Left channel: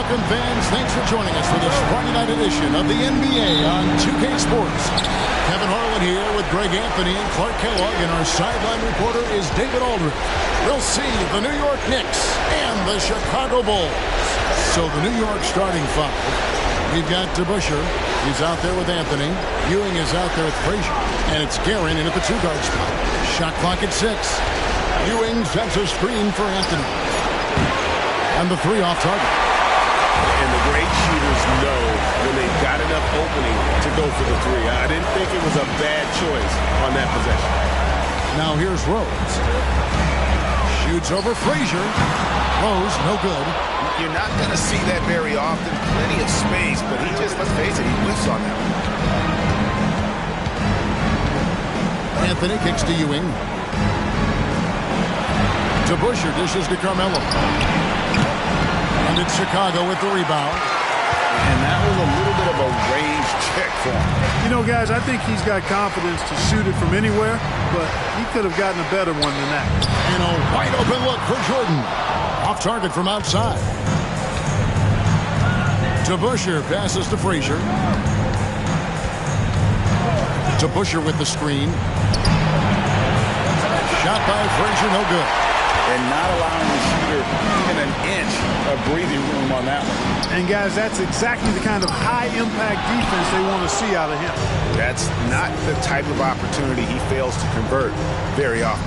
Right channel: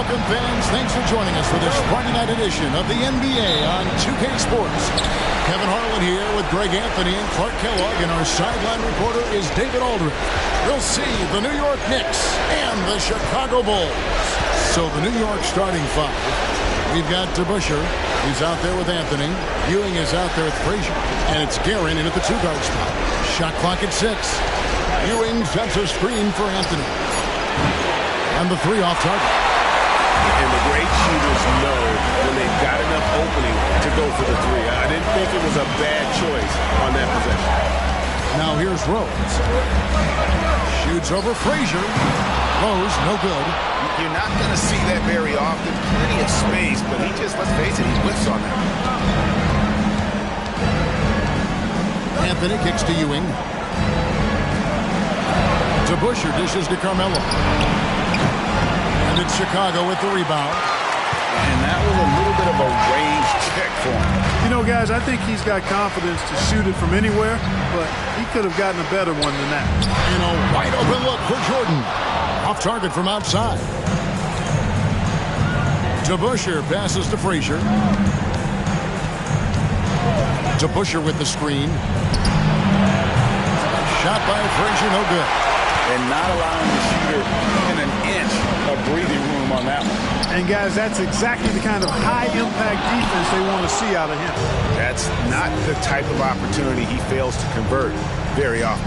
Welcome, fans. Thanks for joining us for this Friday night edition of the NBA on 2K Sports. Kevin Harlan here with Greg Anthony and Clark Kellogg, and our sideline reporter is David Aldridge. We'll see the New York Knicks and the Chicago Bulls. So the New York starting five. We've got DeBusschere. He's out there with Anthony. Ewing is out there with Frazier. And it's Guerin in at the two-guard spot. Shot clock at 6. Ewing sets a screen for Anthony. And the three off target. And the great shooters know when they've got enough opening to go for the three. I didn't think it was a bad choice on that possession. Now here's Rose. Shoots over Frazier. Rose, no good. You're not going to see that very often. Plenty of space, but he just, let's face it, he whiffs on that one. Anthony kicks to Ewing. DeBusschere dishes to Carmelo. And it's Chicago with the rebound. And that was a little bit of a range check for him. You know, guys, I think he's got confidence to shoot it from anywhere, but he could have gotten a better one than that. And a wide open look for Jordan. Off target from outside. DeBusschere passes to Frazier. DeBusschere with the screen. Shot by Frazier, no good. And not allowing the shooter even an inch of breathing room on that one. And, guys, that's exactly the kind of high-impact defense they want to see out of him. That's not the type of opportunity he fails to convert very often.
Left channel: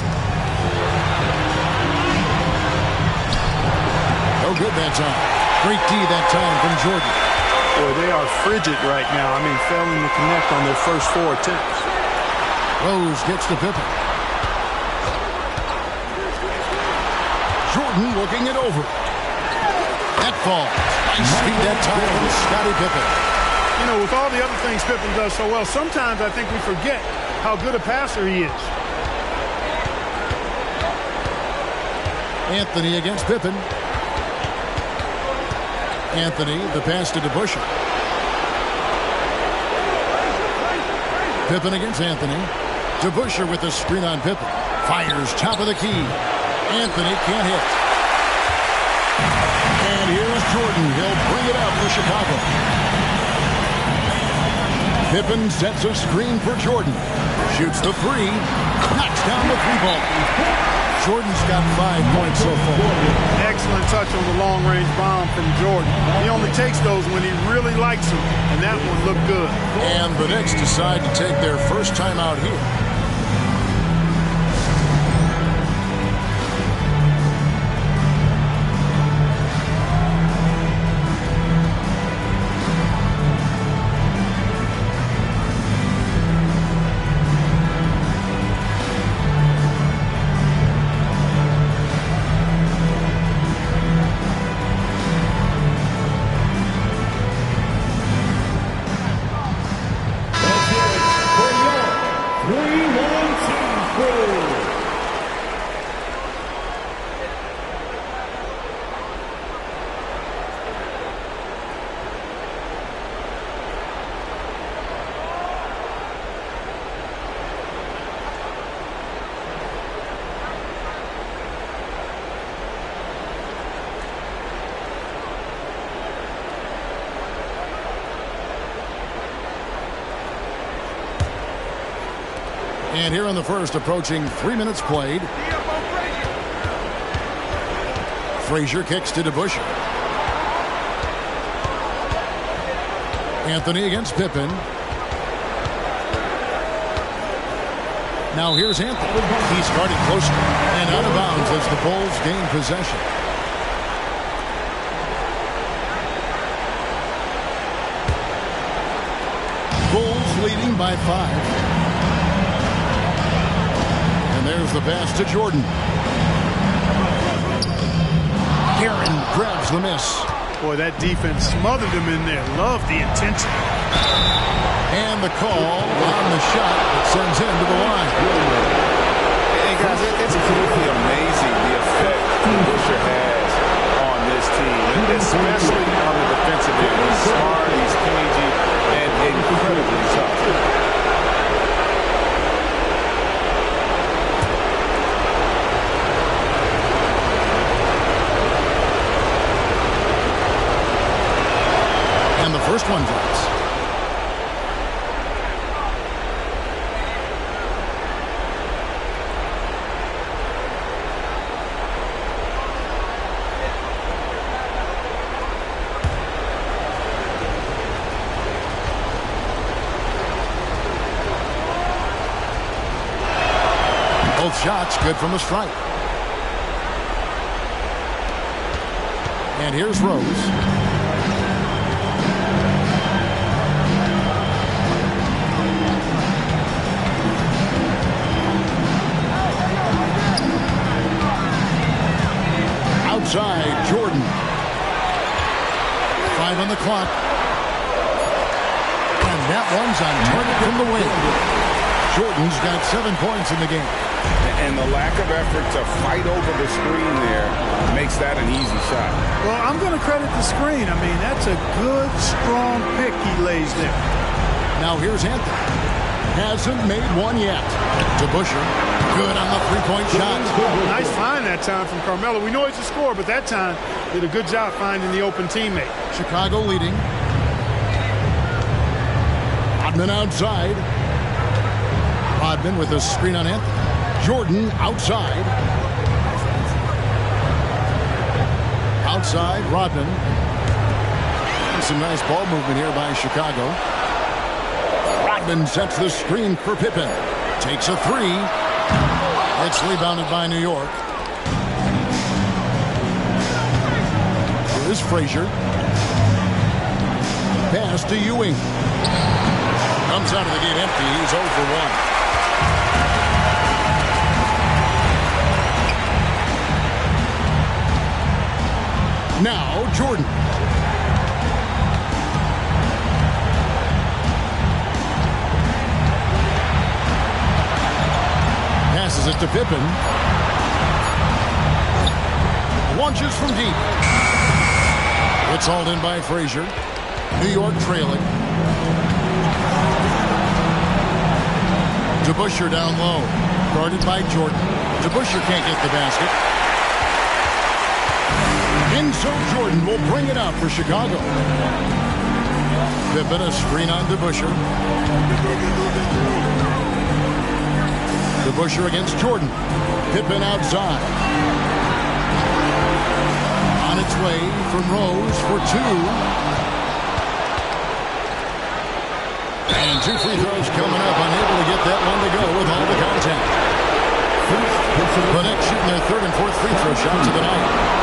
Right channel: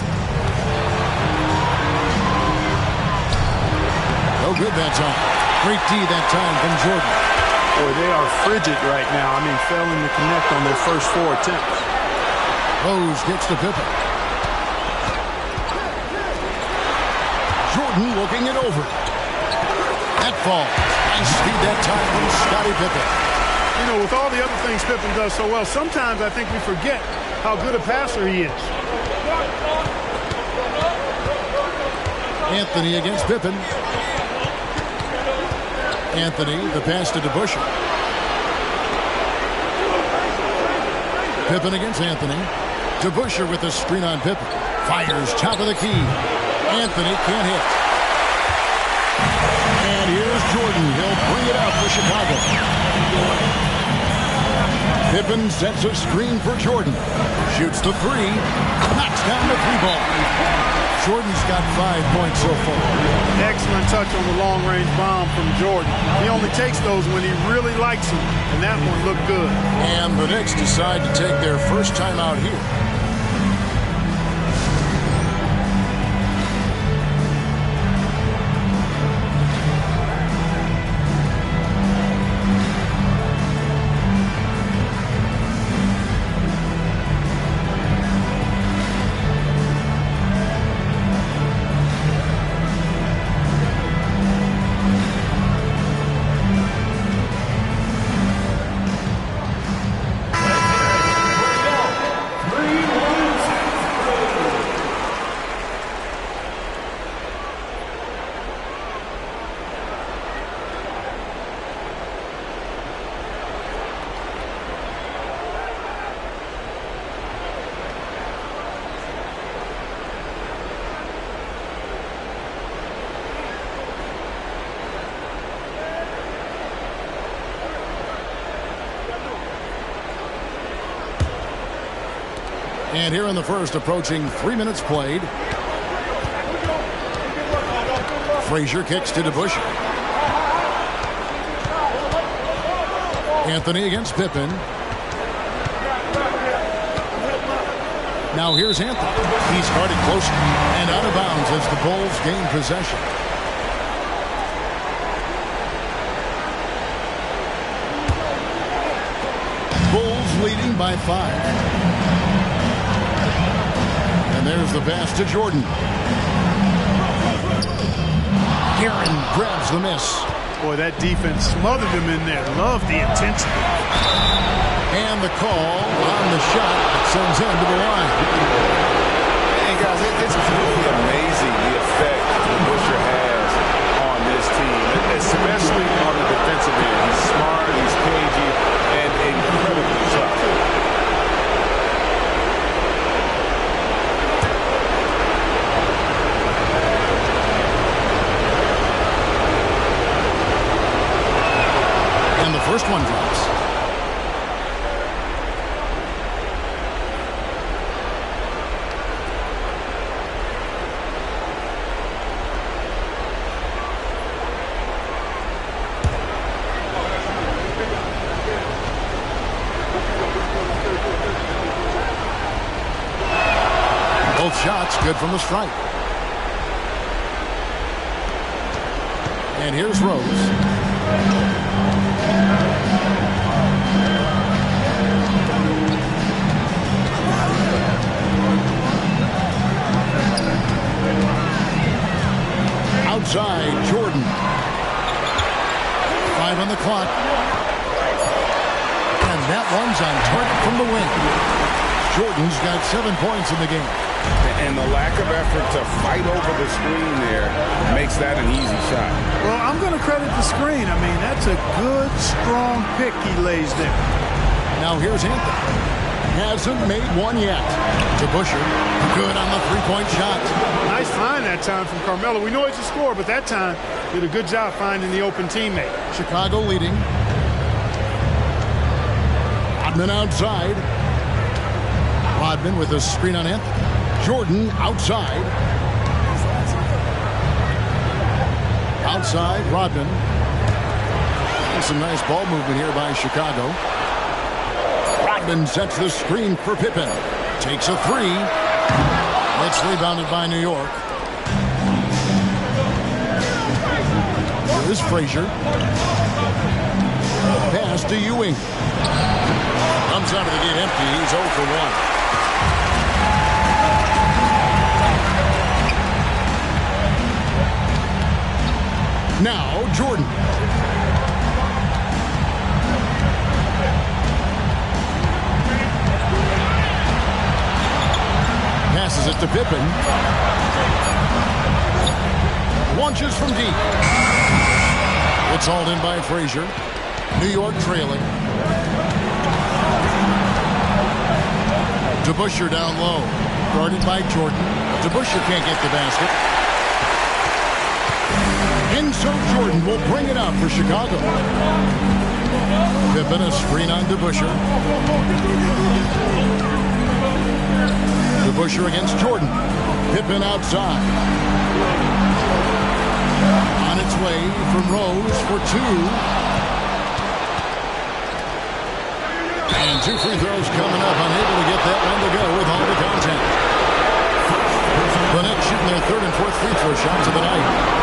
No good that time. Great D that time from Jordan. Boy, they are frigid right now. I mean, failing to connect on their first 4 attempts. Rose gets to Pippen. Jordan looking it over. That falls. Nice speed that time from Scottie Pippen. You know, with all the other things Pippen does so well, sometimes I think we forget how good a passer he is. Anthony against Pippen. Anthony, the pass to DeBusschere. Pippen against Anthony. DeBusschere with the screen on Pippen. Fires top of the key. Anthony can't hit. And here's Jordan. He'll bring it out for Chicago. Pippen sets a screen for Jordan. Shoots the three. Knocks down the three ball. Jordan's got 5 points so far. Excellent touch on the long-range bomb from Jordan. He only takes those when he really likes them, and that one looked good. And the Knicks decide to take their first time out here. And here in the first, approaching 3 minutes played. Frazier kicks to DeBusschere. Anthony against Pippen. Now here's Anthony. He's guarded closer and out of bounds as the Bulls gain possession. Bulls leading by 5. And there's the pass to Jordan. Guerin grabs the miss. Boy, that defense smothered him in there. Love the intensity. And the call on the shot that sends him to the line. Hey, guys, it's truly amazing the effect DeBusschere has on this team, especially on the defensive end. He's smart, he's cagey, and incredibly tough. First one drops. Both shots good from the stripe. And here's Rose. Outside, Jordan. 5 on the clock. And that one's on target from the wing. Jordan's got 7 points in the game. And the lack of effort to fight over the screen there makes that an easy shot. Well, I'm going to credit the screen. I mean, that's a good, strong pick he lays there. Now here's Anthony. Hasn't made one yet. To Busher. Good on the three-point shot. Nice find that time from Carmelo. We know he's a scorer, but that time did a good job finding the open teammate. Chicago leading. Rodman outside. Rodman with a screen on Anthony. Jordan outside. Outside, Rodman. And some nice ball movement here by Chicago. Rodman sets the screen for Pippen. Takes a three. It's rebounded by New York. Here is Frazier. Pass to Ewing. Comes out of the gate empty. He's 0 for 1. Now, Jordan. Passes it to Pippen. Launches from deep. It's hauled in by Frazier. New York trailing. DeBusschere down low. Guarded by Jordan. DeBusschere can't get the basket. And so Jordan will bring it out for Chicago. Pippen a screen on DeBusschere. DeBusschere against Jordan. Pippen outside. On its way from Rose for 2. And 2 free throws coming up. Unable to get that one to go with all the contact. The Knicks shooting their 3rd and 4th free throw shots of the night.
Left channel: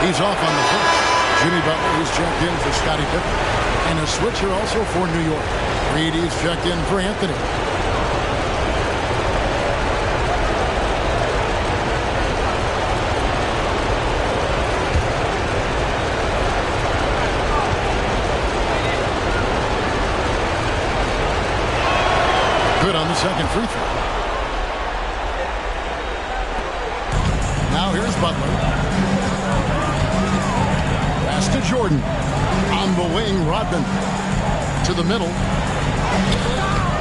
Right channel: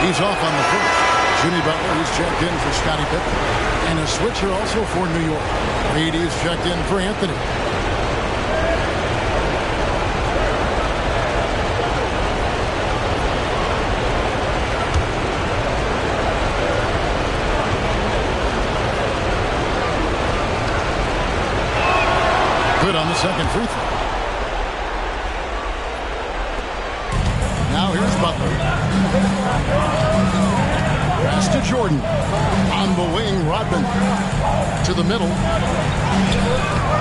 He's off on the first. Jimmy Butler, he's checked in for Scottie Pippen. And a switcher also for New York. Reed, he's checked in for Anthony. Good on the second free throw. Now here's Butler. Pass to Jordan. On the wing, Rodman. To the middle.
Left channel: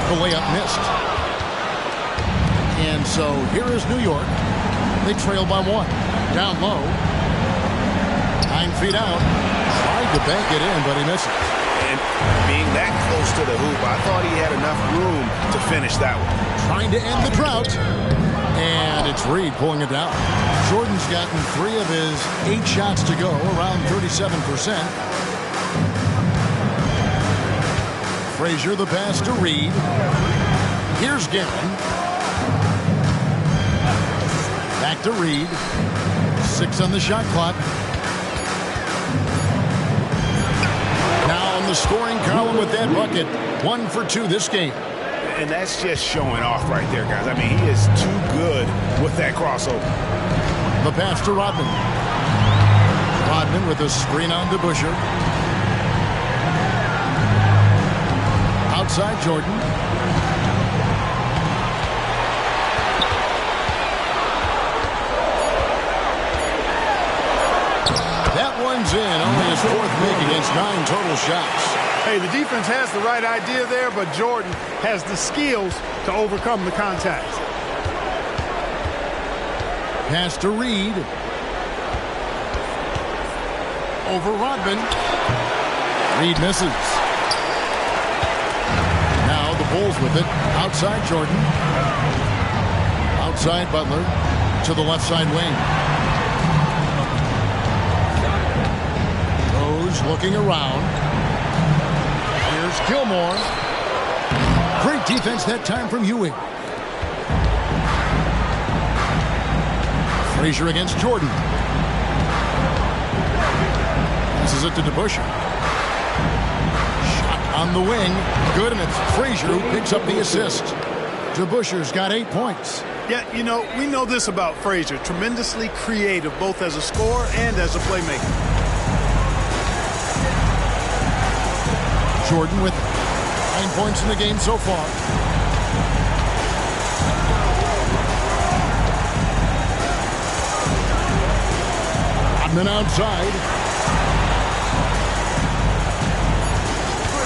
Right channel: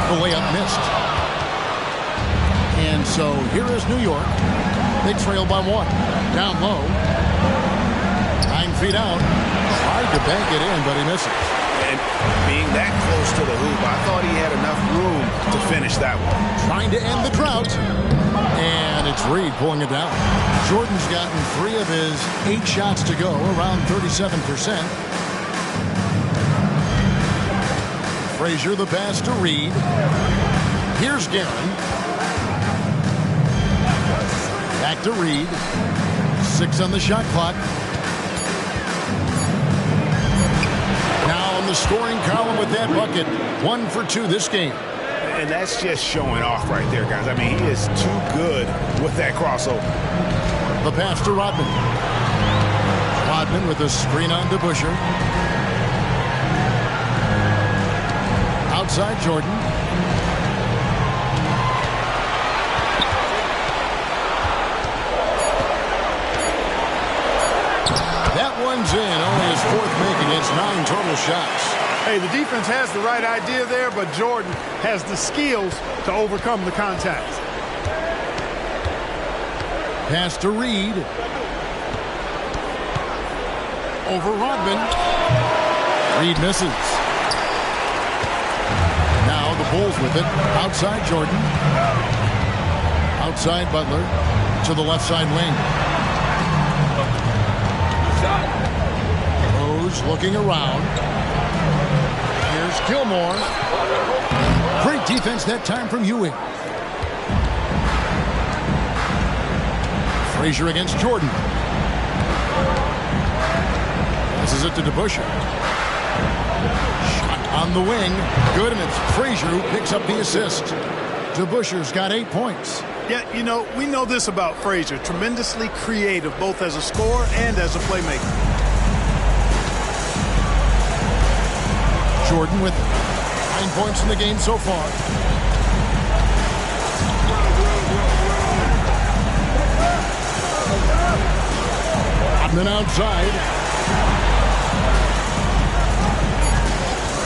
The layup missed. And so here is New York. They trail by 1. Down low. 9 feet out. Tried to bank it in, but he misses. And being that close to the hoop, I thought he had enough room to finish that one. Trying to end the drought. And it's Reed pulling it down. Jordan's gotten 3 of his 8 shots to go, around 37%. Frazier the pass to Reed. Here's Guerin. Back to Reed. 6 on the shot clock. Now on the scoring column with that bucket. 1 for 2 this game. And that's just showing off right there, guys. I mean, he is too good with that crossover. The pass to Rodman. Rodman with a screen on DeBusschere. Outside Jordan. one's in. Only his fourth make against 9 total shots. Hey, the defense has the right idea there, but Jordan has the skills to overcome the contact. Pass to Reed. Over Rodman. Reed misses. Now the Bulls with it. Outside Jordan. Outside Butler. To the left side wing. Rose looking around. Here's Gilmore. Great defense that time from Ewing. Frazier against Jordan. Passes it to DeBusschere. Shot on the wing. Good, and it's Frazier who picks up the assist. DeBusschere's got 8 points. Yeah, you know, we know this about Frazier. Tremendously creative, both as a scorer and as a playmaker. Jordan with 9 points in the game so far. Rodman outside.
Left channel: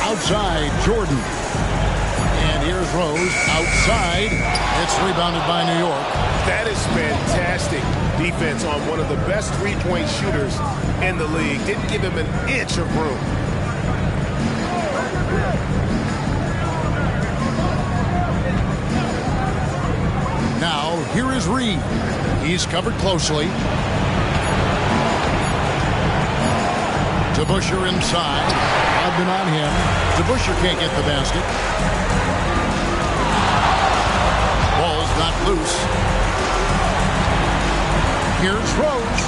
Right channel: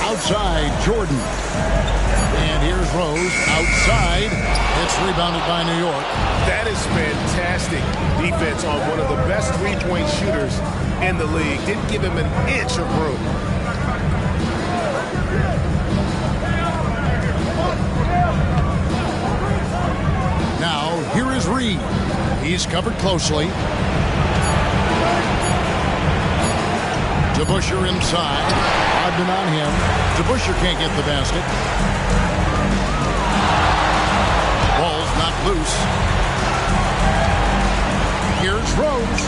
Outside, Jordan. And here's Rose outside. It's rebounded by New York. That is fantastic defense on one of the best three-point shooters in the league. Didn't give him an inch of room. Now, here is Reed. He's covered closely. DeBusschere inside. Rodman on him. DeBusschere can't get the basket. Ball's knocked loose. Here's Rose.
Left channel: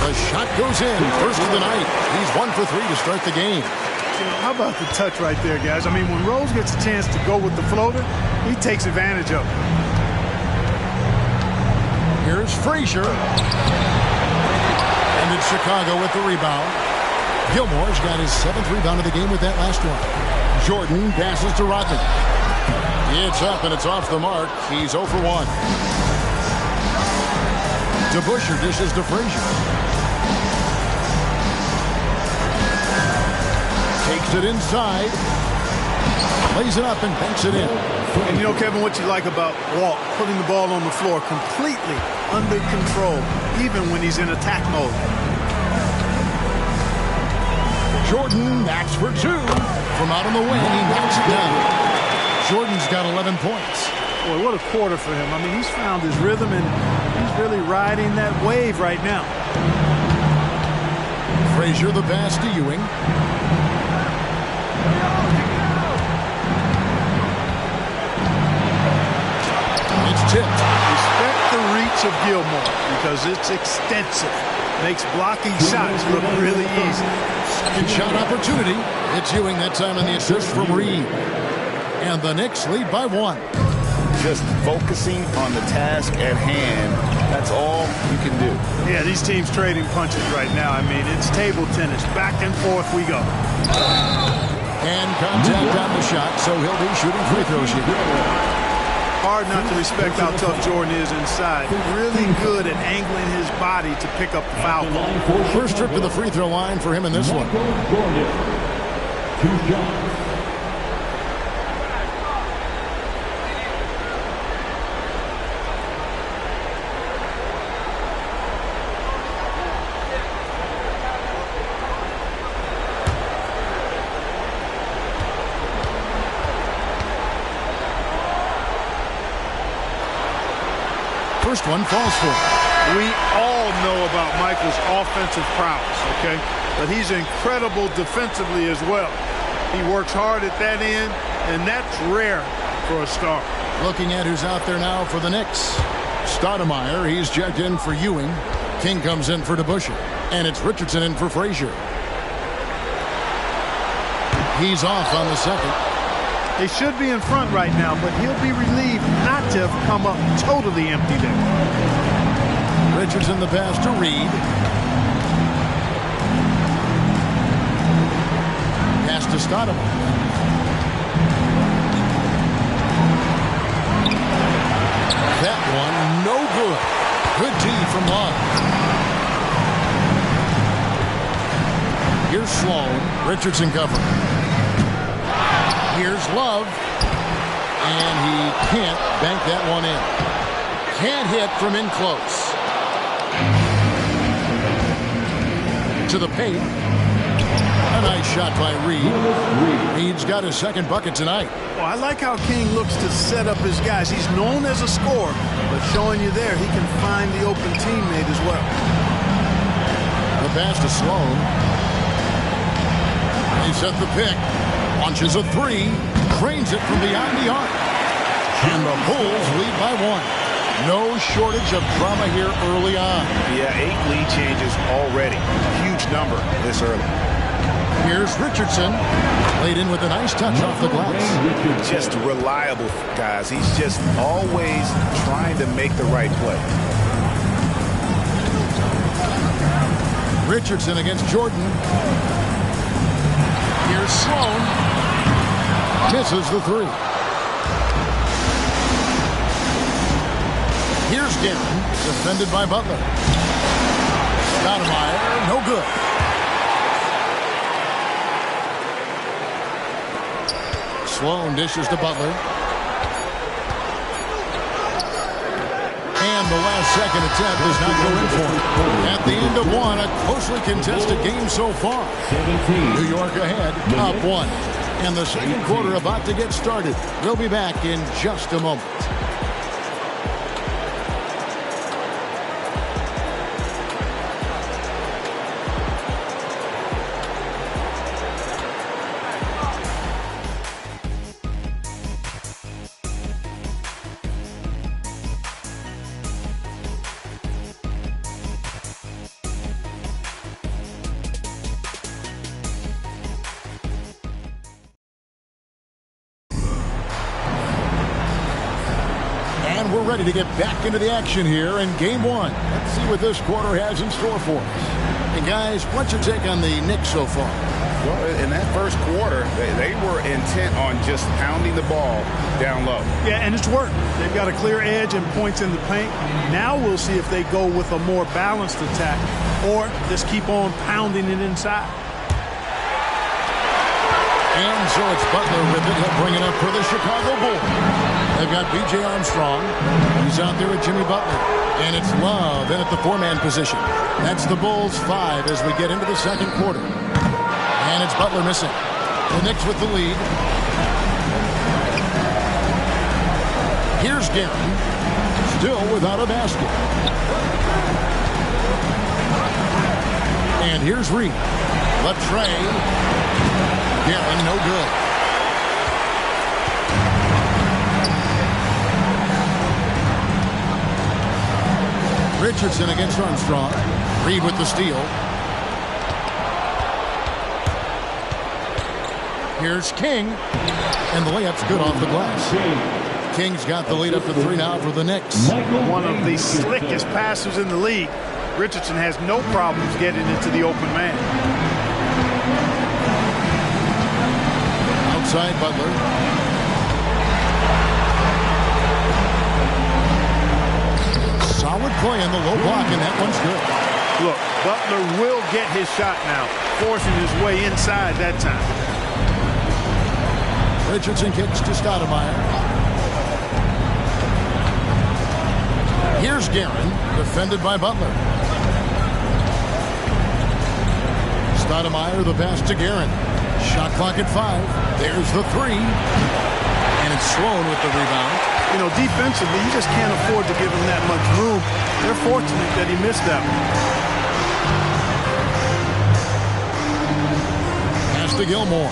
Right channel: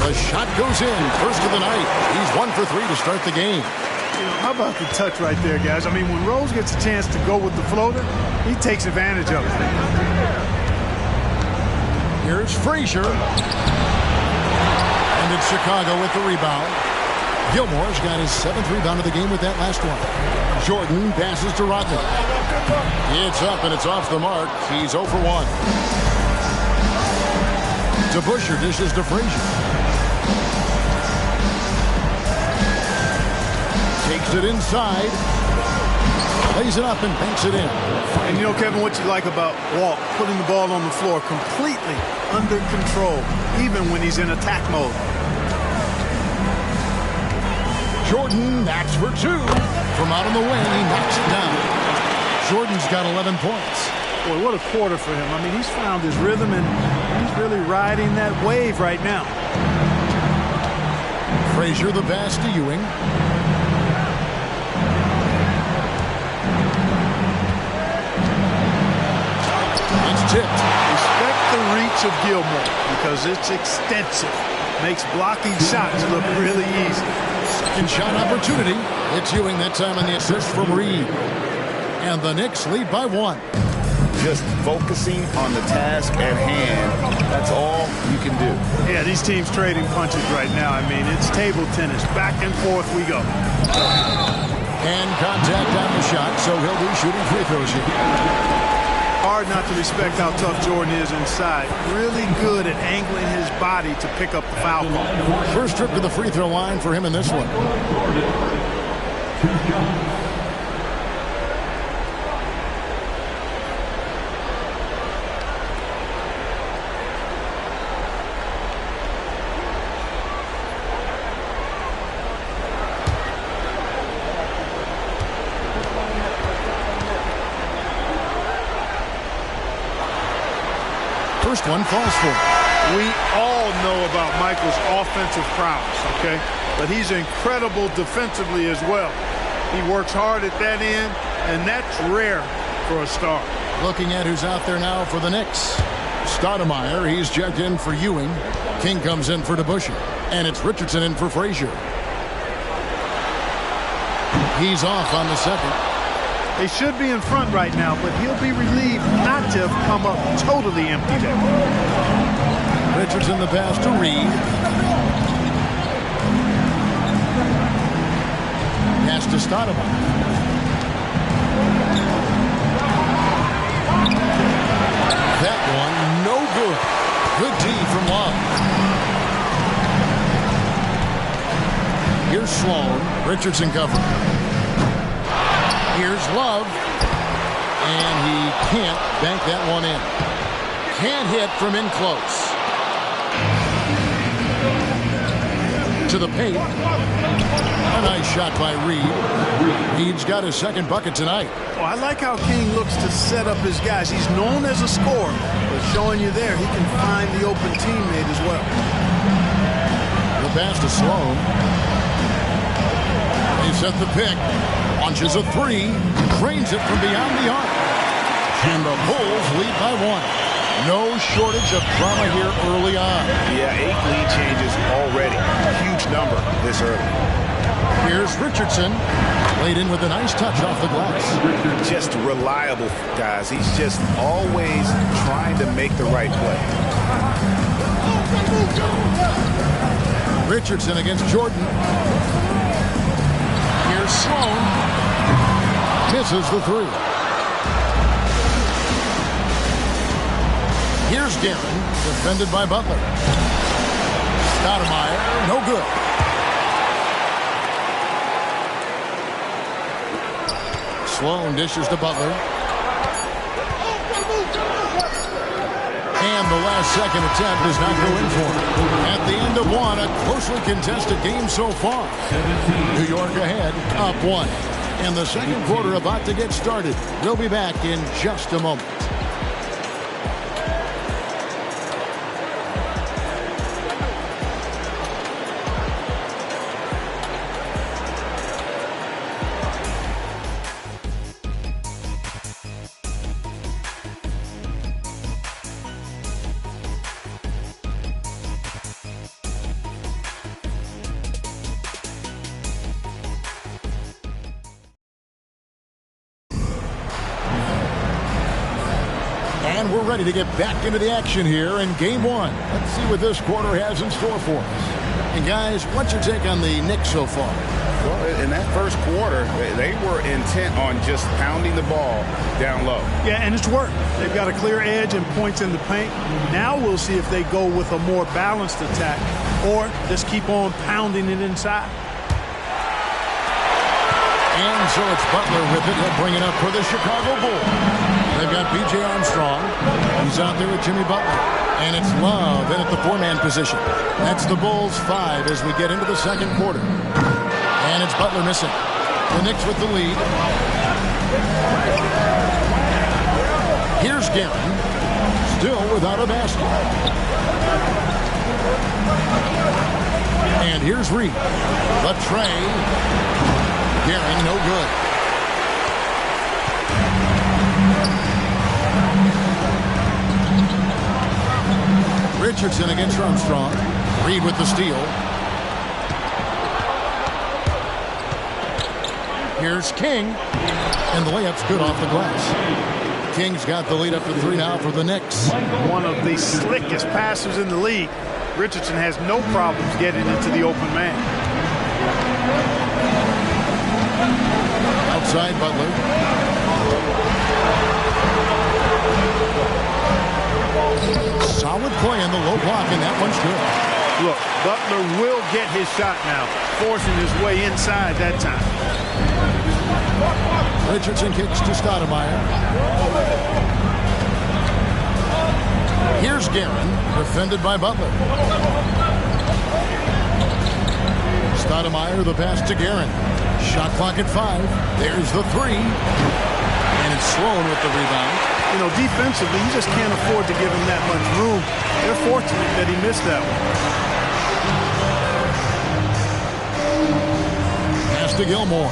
The shot goes in. First of the night. He's 1 for 3 to start the game. You know, how about the touch right there, guys? I mean, when Rose gets a chance to go with the floater, he takes advantage of it. Here's Frazier. And it's Chicago with the rebound. Gilmore's got his 7th rebound of the game with that last one. Jordan passes to Rodman. It's up and it's off the mark. He's 0 for 1. DeBusschere dishes to Frazier. Takes it inside. Lays it up and banks it in. And you know, Kevin, what you like about Walt putting the ball on the floor completely under control, even when he's in attack mode. Jordan, that's for 2. From out on the wing, he knocks it down. Jordan's got 11 points. Boy, what a quarter for him. I mean, he's found his rhythm, and he's really riding that wave right now. Frazier the pass to Ewing. It's tipped. Respect the reach of Gilmore because it's extensive. Makes blocking shots look really easy. Second shot opportunity. It's Ewing that time on the assist from Reed. And the Knicks lead by 1. Just focusing on the task at hand. That's all you can do. Yeah, these teams trading punches right now. I mean, it's table tennis. Back and forth we go. And contact on the shot, so he'll be shooting free throws here. Hard not to respect how tough Jordan is inside. Really good at angling his body to pick up the foul call. First trip to the free throw line for him in this one. First one falls for him. We all know about Michael's offensive prowess, okay? But he's incredible defensively as well. He works hard at that end, and that's rare for a star. Looking at who's out there now for the Knicks. Stoudemire, he's checked in for Ewing. King comes in for DeBusschere. And it's Richardson in for Frazier. He's off on the second. They should be in front right now, but he'll be relieved not to have come up totally empty there. Richardson the pass to Reed. Pass to Stoudemire. That one, no good. Good D from Love. Here's Sloan. Richardson covering. Here's Love. And he can't bank that one in. Can't hit from in close. To the paint. A nice shot by Reed. Reed's got his second bucket tonight. Well, I like how King looks to set up his guys. He's known as a scorer, but showing you there he can find the open teammate as well. The pass to Sloan. They set the pick. Launches a three. Trains it from beyond the arc. And the Bulls lead by one. No shortage of drama here early on. Yeah, 8 lead changes already. Huge number this early. Here's Richardson. Laid in with a nice touch off the glass. Just reliable, guys. He's just always trying to make the right play. Richardson against Jordan. Here's Sloan. Misses the three. Here's Guerin, defended by Butler. Stoudemire, no good. Sloan dishes to Butler. And the last second attempt does not go in for him. At the end of one, a closely contested game so far. New York ahead, up one. And the second quarter about to get started. We'll be back in just a moment. And we're ready to get back into the action here in game one. Let's see what this quarter has in store for us. And guys, what's your take on the Knicks so far? Well, in that first quarter, they were intent on just pounding the ball down low. Yeah, and it's worked. They've got a clear edge and points in the paint. Now we'll see if they go with a more balanced attack or just keep on pounding it inside. And so it's Butler with it. He'll bring it up for the Chicago Bulls. They've got B.J. Armstrong. He's out there with Jimmy Butler. And it's Love in at the four-man position. That's the Bulls 5 as we get into the second quarter. And it's Butler missing. The Knicks with the lead. Here's Guerin. Still without a basket. And here's Reed. The tray. Guerin, no good. Richardson against Armstrong. Reed with the steal. Here's King. And the layup's good off the glass. King's got the lead up to 3 now for the Knicks. One of the slickest passers in the league. Richardson has no problems getting into the open man. Outside Butler. Solid play in the low block, and that one's good. Look, Butler will get his shot now, forcing his way inside that time. Richardson kicks to Stoudemire. Here's Guerin, defended by Butler. Stoudemire, the pass to Guerin. Shot clock at 5. There's the 3. And it's Sloan with the rebound. You know, defensively, you just can't afford to give him that much room. They're fortunate that he missed that one. Pass to Gilmore.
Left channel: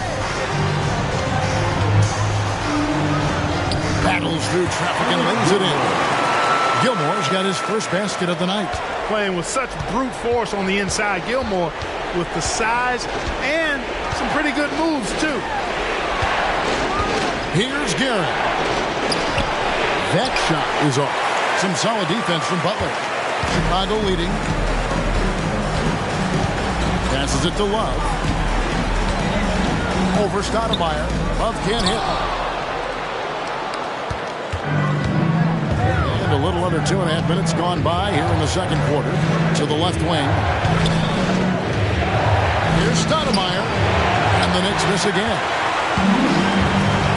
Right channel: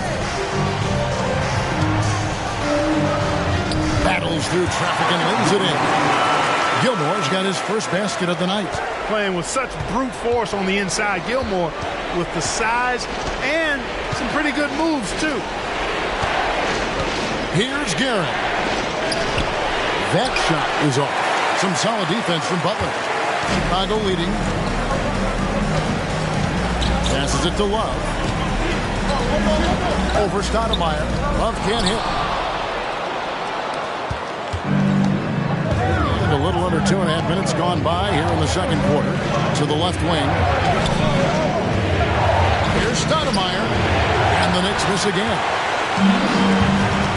Battles through traffic and lays it in. Gilmore's got his first basket of the night. Playing with such brute force on the inside. Gilmore with the size and some pretty good moves, too. Here's Guerin. That shot is off. Some solid defense from Butler. Chicago leading. Passes it to Love. Over Stoudemire. Love can't hit. And a little under 2.5 minutes gone by here in the second quarter. To the left wing. Here's Stoudemire. And the Knicks miss again.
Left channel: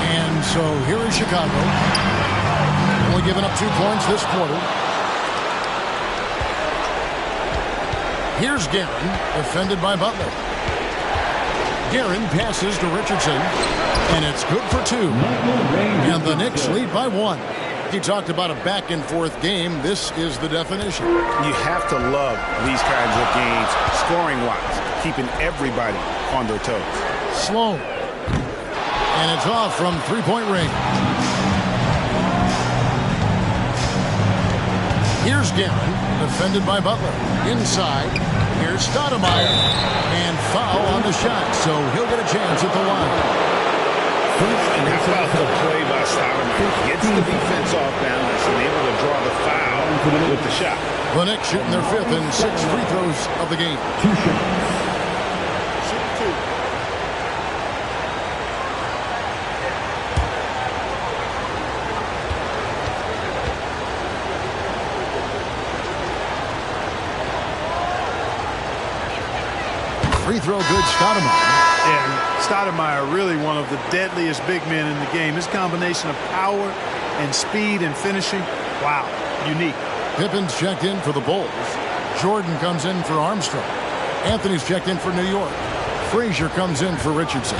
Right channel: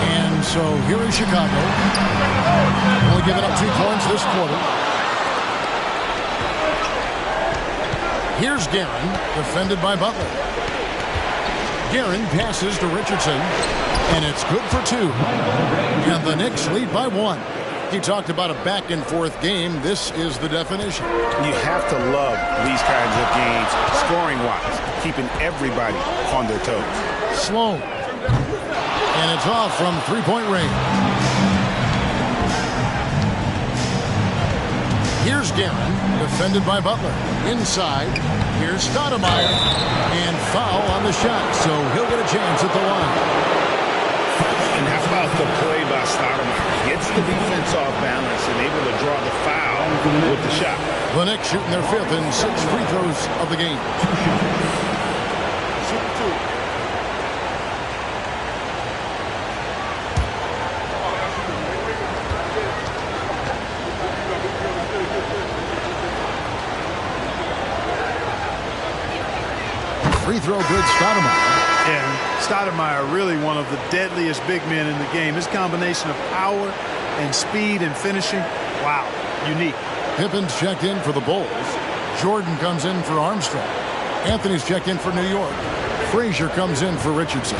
And so here is Chicago. Only giving up 2 points this quarter. Here's Guerin, defended by Butler. Guerin passes to Richardson, and it's good for 2. And the Knicks lead by 1. He talked about a back-and-forth game. This is the definition. You have to love these kinds of games, scoring-wise, keeping everybody on their toes. Sloan. And it's off from 3-point range. Here's Guerin, defended by Butler. Inside, here's Stoudemire. And foul on the shot, so he'll get a chance at the line. And how about the play by Stoudemire? Gets the defense off balance and able to draw the foul with the shot. The Knicks shooting their 5th and 6th free throws of the game. Shoot 2. Free throw good, Stoudemire. And Stoudemire, really one of the deadliest big men in the game. His combination of power and speed and finishing, wow, unique. Pippen's checked in for the Bulls. Jordan comes in for Armstrong. Anthony's checked in for New York. Frazier comes in for Richardson.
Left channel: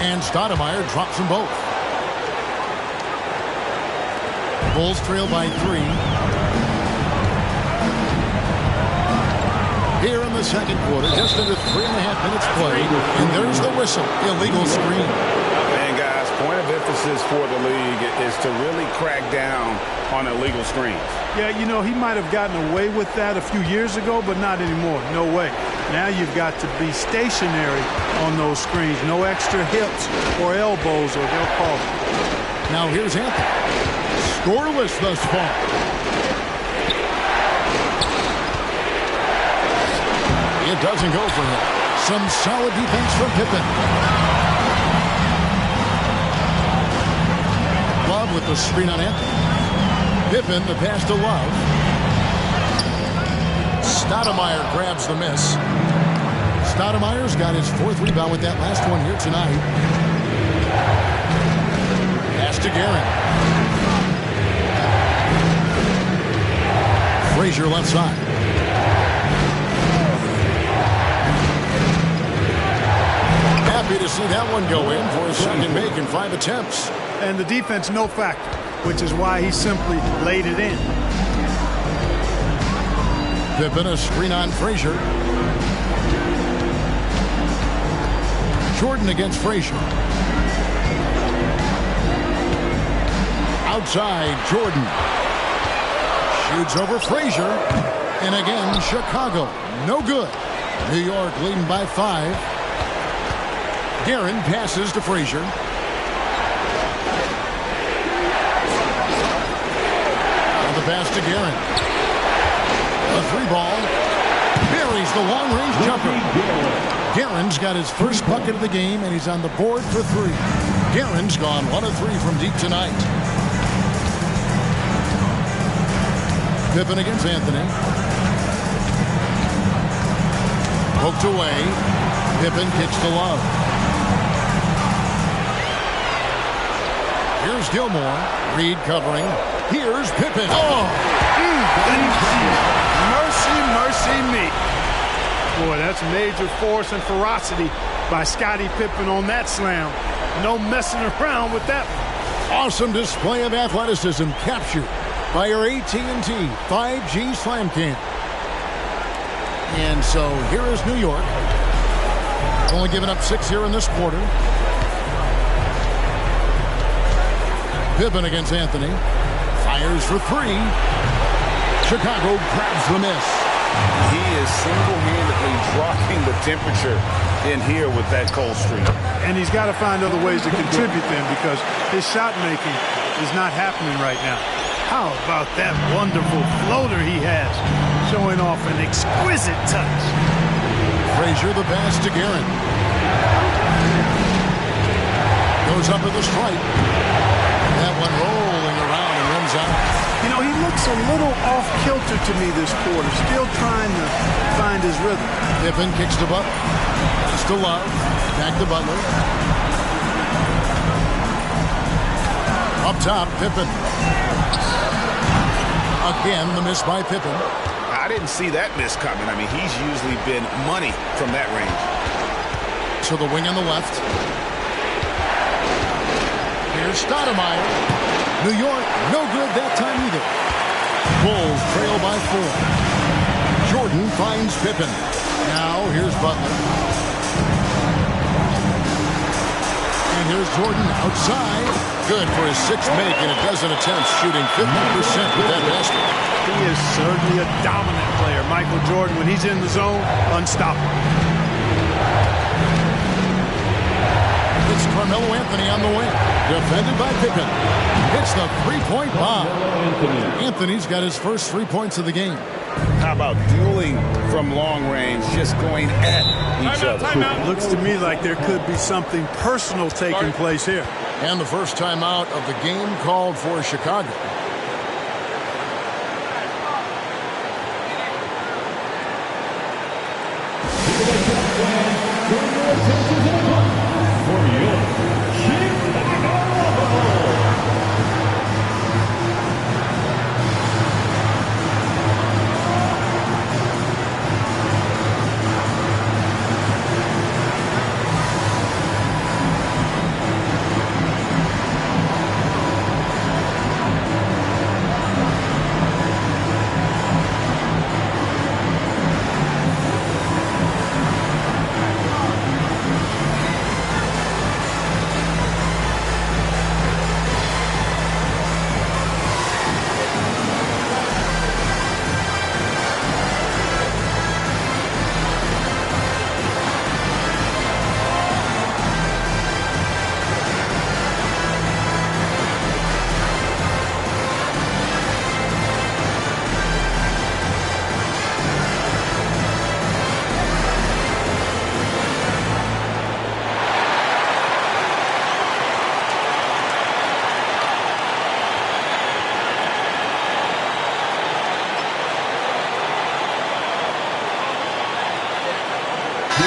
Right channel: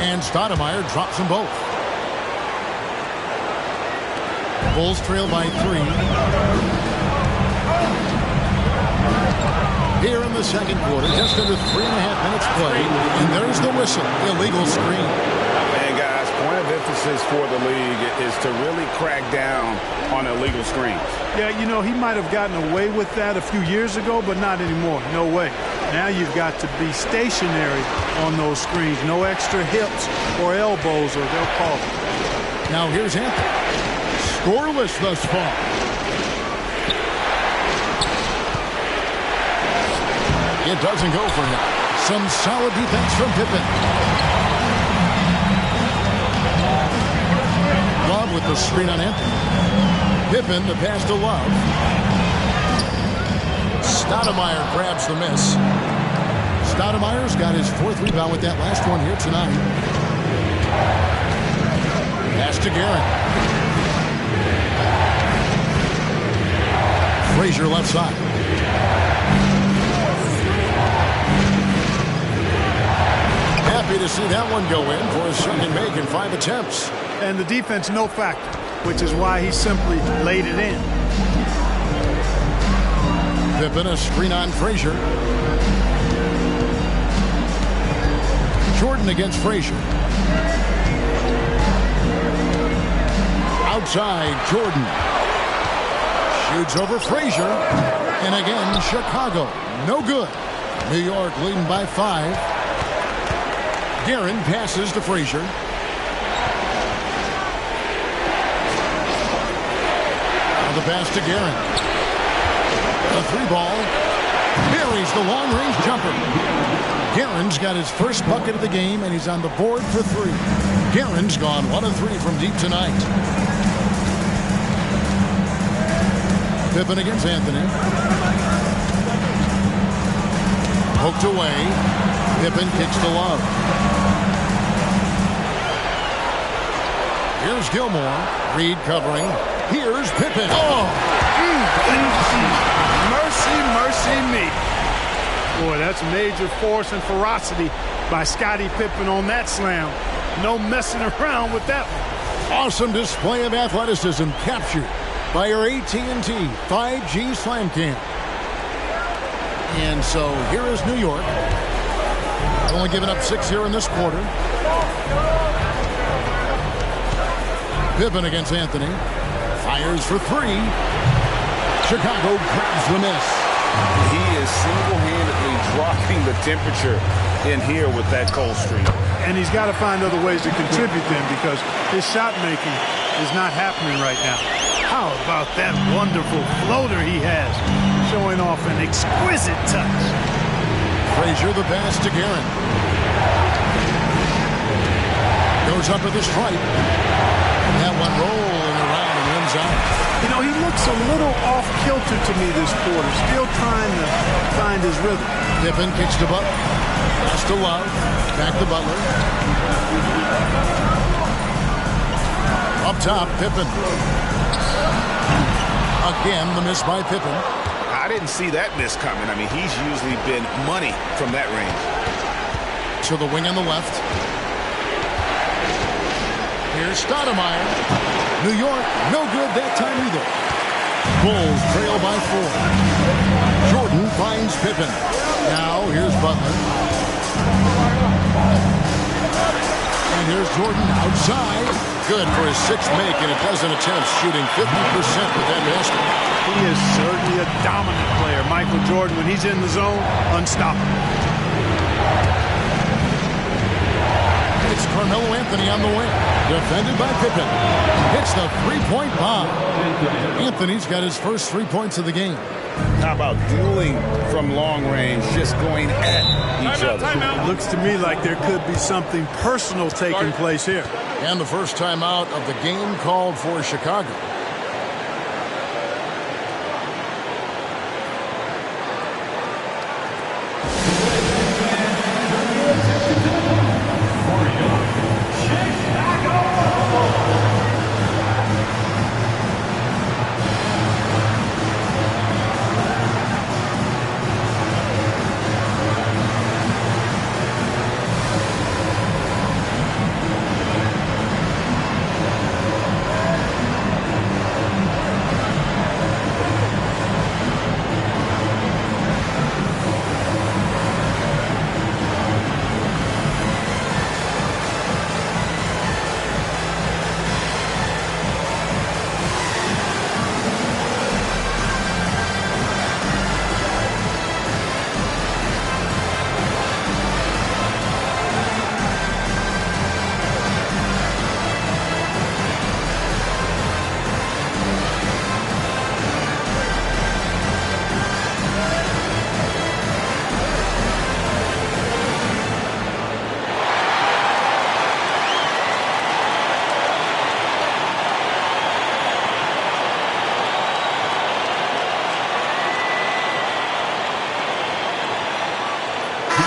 And Stoudemire drops them both. Bulls trail by 3. Here in the second quarter, just under 3.5 minutes played, and there's the whistle. Illegal screen. And guys, point of emphasis for the league is to really crack down on illegal screens. Yeah, you know, he might have gotten away with that a few years ago, but not anymore. No way. Now you've got to be stationary on those screens. No extra hips or elbows, or they'll call it. Now here's Anthony. Scoreless thus far. It doesn't go for him. Some solid defense from Pippen. Love with the screen on Anthony. Pippen, the pass to Love. Stoudemire grabs the miss. Stoudemire's got his 4th rebound with that last one here tonight. Pass to Guerin. Frazier left side. Happy to see that one go in for his second make in 5 attempts. And the defense no factor, which is why he simply laid it in. Pippen a screen on Frazier. Jordan against Frazier. Outside, Jordan. Shoots over Frazier. And again, Chicago. No good. New York leading by 5. Guerin passes to Frazier. Now the pass to Guerin. A 3-ball. Buries the long-range jumper. Guerin's got his first bucket of the game, and he's on the board for 3. Guerin's gone 1 of 3 from deep tonight. Pippen against Anthony. Poked away. Pippen kicks to Love. Here's Gilmore. Reed covering. Here's Pippen. Oh! Mercy, mercy me. Boy, that's major force and ferocity by Scottie Pippen on that slam. No messing around with that one. Awesome display of athleticism captured by your AT&T 5G Slam Cam. And so here is New York. Only giving up 6 here in this quarter. Pippen against Anthony. Fires for 3. Chicago grabs the miss. He is single-handedly dropping the temperature in here with that cold streak. And he's got to find other ways to contribute then, because his shot making is not happening right now. How about that wonderful floater he has, showing off an exquisite touch. Frazier the pass to Guerin. Goes up at the stripe. That one rolling around and rims out. You know, he looks a little off-kilter to me this quarter, still trying to find his rhythm. Pippen kicks to Butler. Pass to Love. Back to Butler. Up top, Pippen. Again, the miss by Pippen. I didn't see that miss coming. I mean, he's usually been money from that range. To the wing on the left. Here's Stoudemire. New York, no good that time either. Bulls trail by 4. Jordan finds Pippen. Now here's Butler. And here's Jordan outside. Good for his 6th make in a dozen attempts, shooting 50% with that basket. He is certainly a dominant player. Michael Jordan, when he's in the zone, unstoppable. It's Carmelo Anthony on the wing. Defended by Pippen. Hits the three-point bomb. Anthony's got his first 3 points of the game. How about dueling from long range, just going at each other? Looks to me like there could be something personal taking place here. And the first timeout of the game called for Chicago.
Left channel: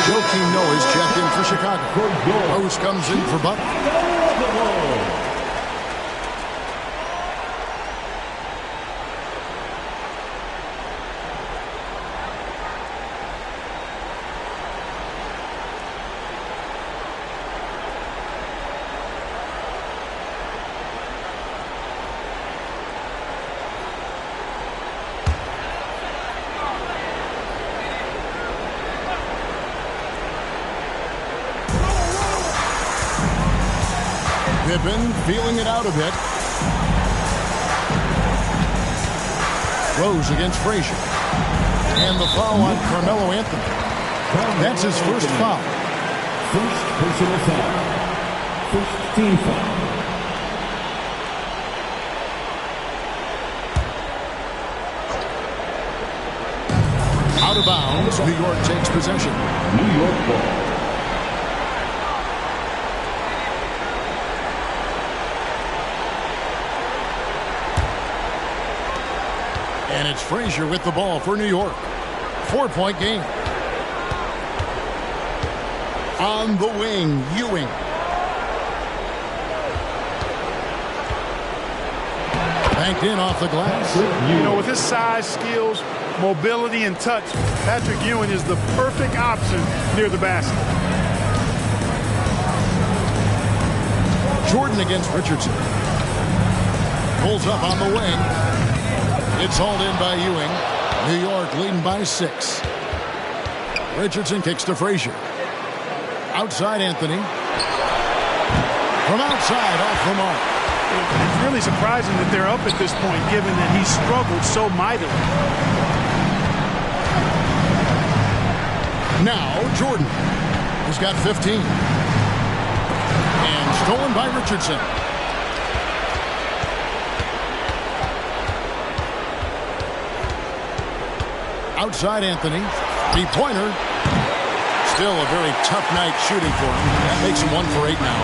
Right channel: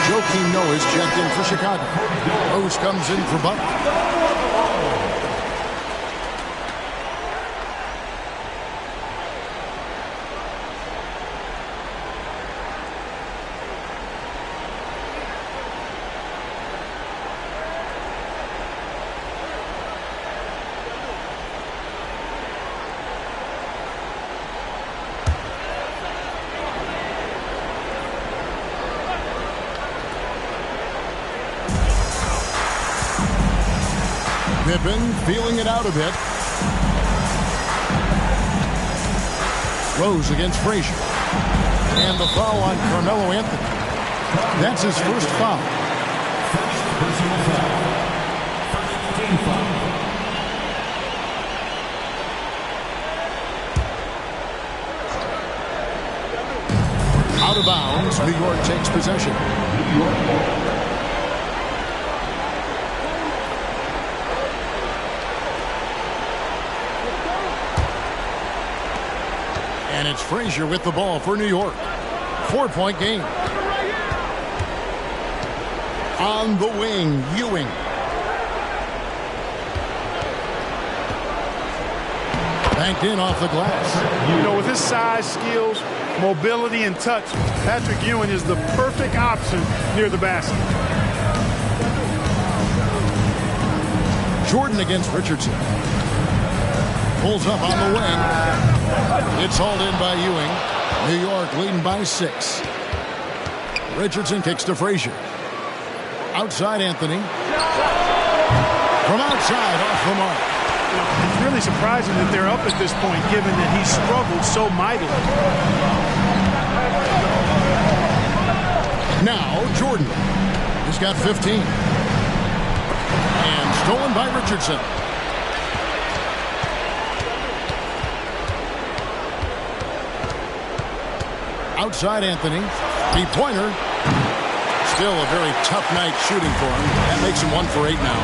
Joakim Noah's checked in for Chicago. Rose comes in for Butler. Pippen feeling it out a bit. Rose against Frazier. And the foul on Carmelo Anthony. That's his first foul. First personal foul. First team foul. Out of bounds. New York takes possession. New York ball. And it's Frazier with the ball for New York. 4-point game. On the wing, Ewing. Banked in off the glass. You know, with his size, skills, mobility, and touch, Patrick Ewing is the perfect option near the basket. Jordan against Richardson. Pulls up on the wing. It's hauled in by Ewing. New York leading by 6. Richardson kicks to Frazier. Outside Anthony. From outside, off the mark. You know, it's really surprising that they're up at this point, given that he struggled so mightily. Now Jordan. He's got 15. And stolen by Richardson. Outside Anthony. Three-pointer. Still a very tough night shooting for him. That makes him 1 for 8 now.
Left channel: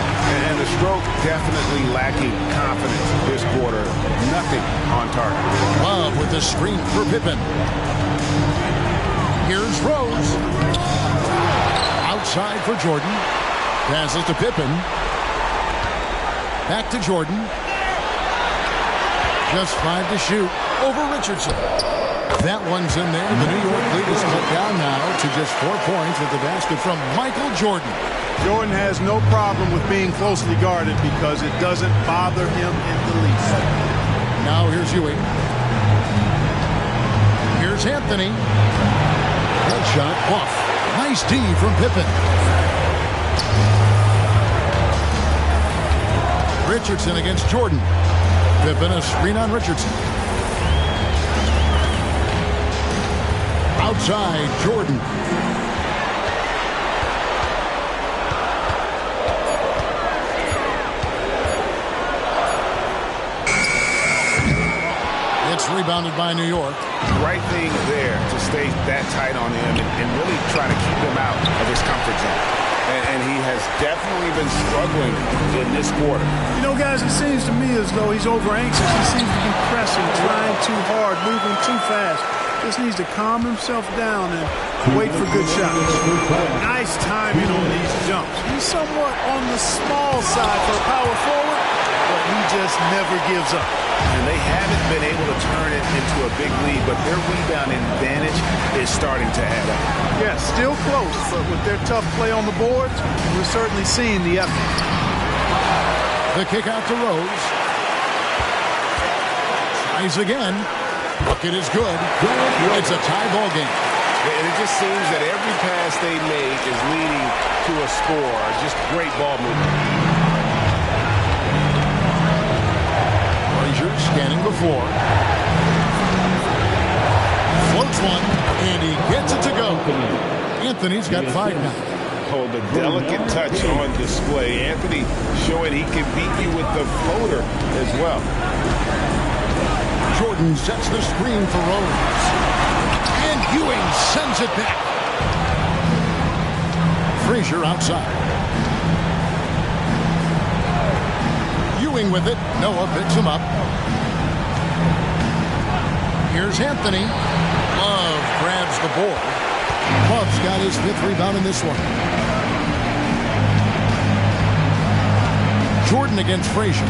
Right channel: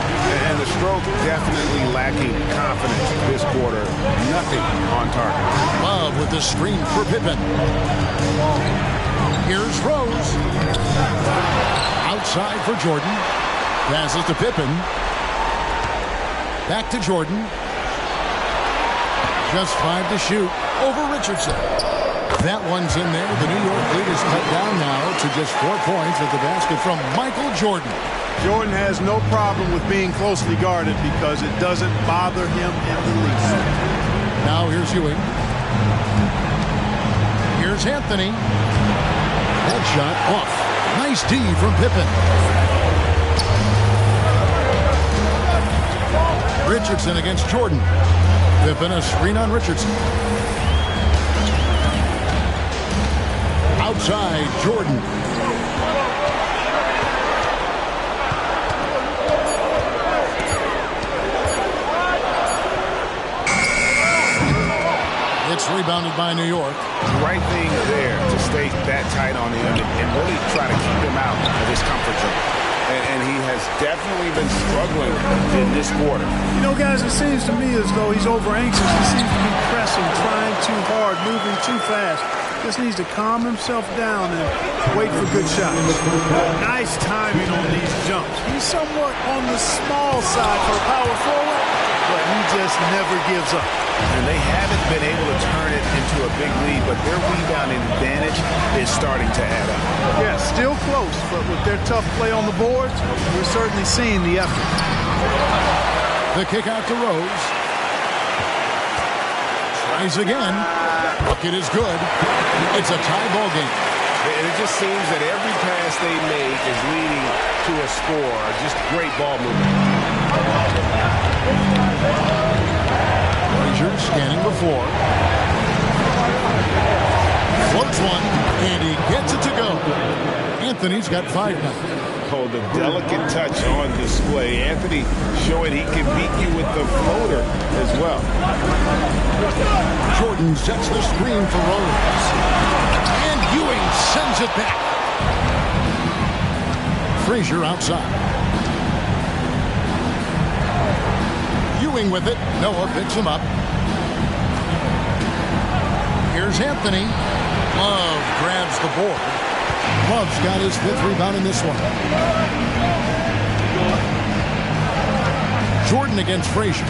And the stroke definitely lacking confidence this quarter. Nothing on target. Love with the screen for Pippen. Here's Rose. Outside for Jordan. Passes to Pippen. Back to Jordan. Just 5 to shoot over Richardson. That one's in there. The New York lead is cut down now to just 4 points with the basket from Michael Jordan. Jordan has no problem with being closely guarded because it doesn't bother him in the least. Now here's Ewing. Here's Anthony. That shot off. Nice D from Pippen. Richardson against Jordan. Pippen a screen on Richardson. Outside, Jordan. It's rebounded by New York. Right thing there to stay that tight on him and really try to keep him out of his comfort zone. And he has definitely been struggling in this quarter. You know, guys, it seems to me as though he's over anxious. He seems to be pressing, trying too hard, moving too fast. Just needs to calm himself down and wait for good shots. Nice timing on these jumps. He's somewhat on the small side for a power forward, but he just never gives up. And they haven't been able to turn it into a big lead, but their rebounding advantage is starting to add up. Yeah, still close, but with their tough play on the boards, we're certainly seeing the effort. The kick out to Rose. Tries again. Bucket is good. It's a tie ball game. And it just seems that every pass they make is leading to a score. Just great ball movement. Frazier scanning before. Floats one, and he gets it to go. Anthony's got 5 now. Oh, the delicate touch on display. Anthony showing he can beat you with the floater as well. Jordan sets the screen for Rose. And Ewing sends it back. Frazier outside. Ewing with it. Noah picks him up. Here's Anthony. Love grabs the board. Love's got his 5th rebound in this one. Jordan against Frazier.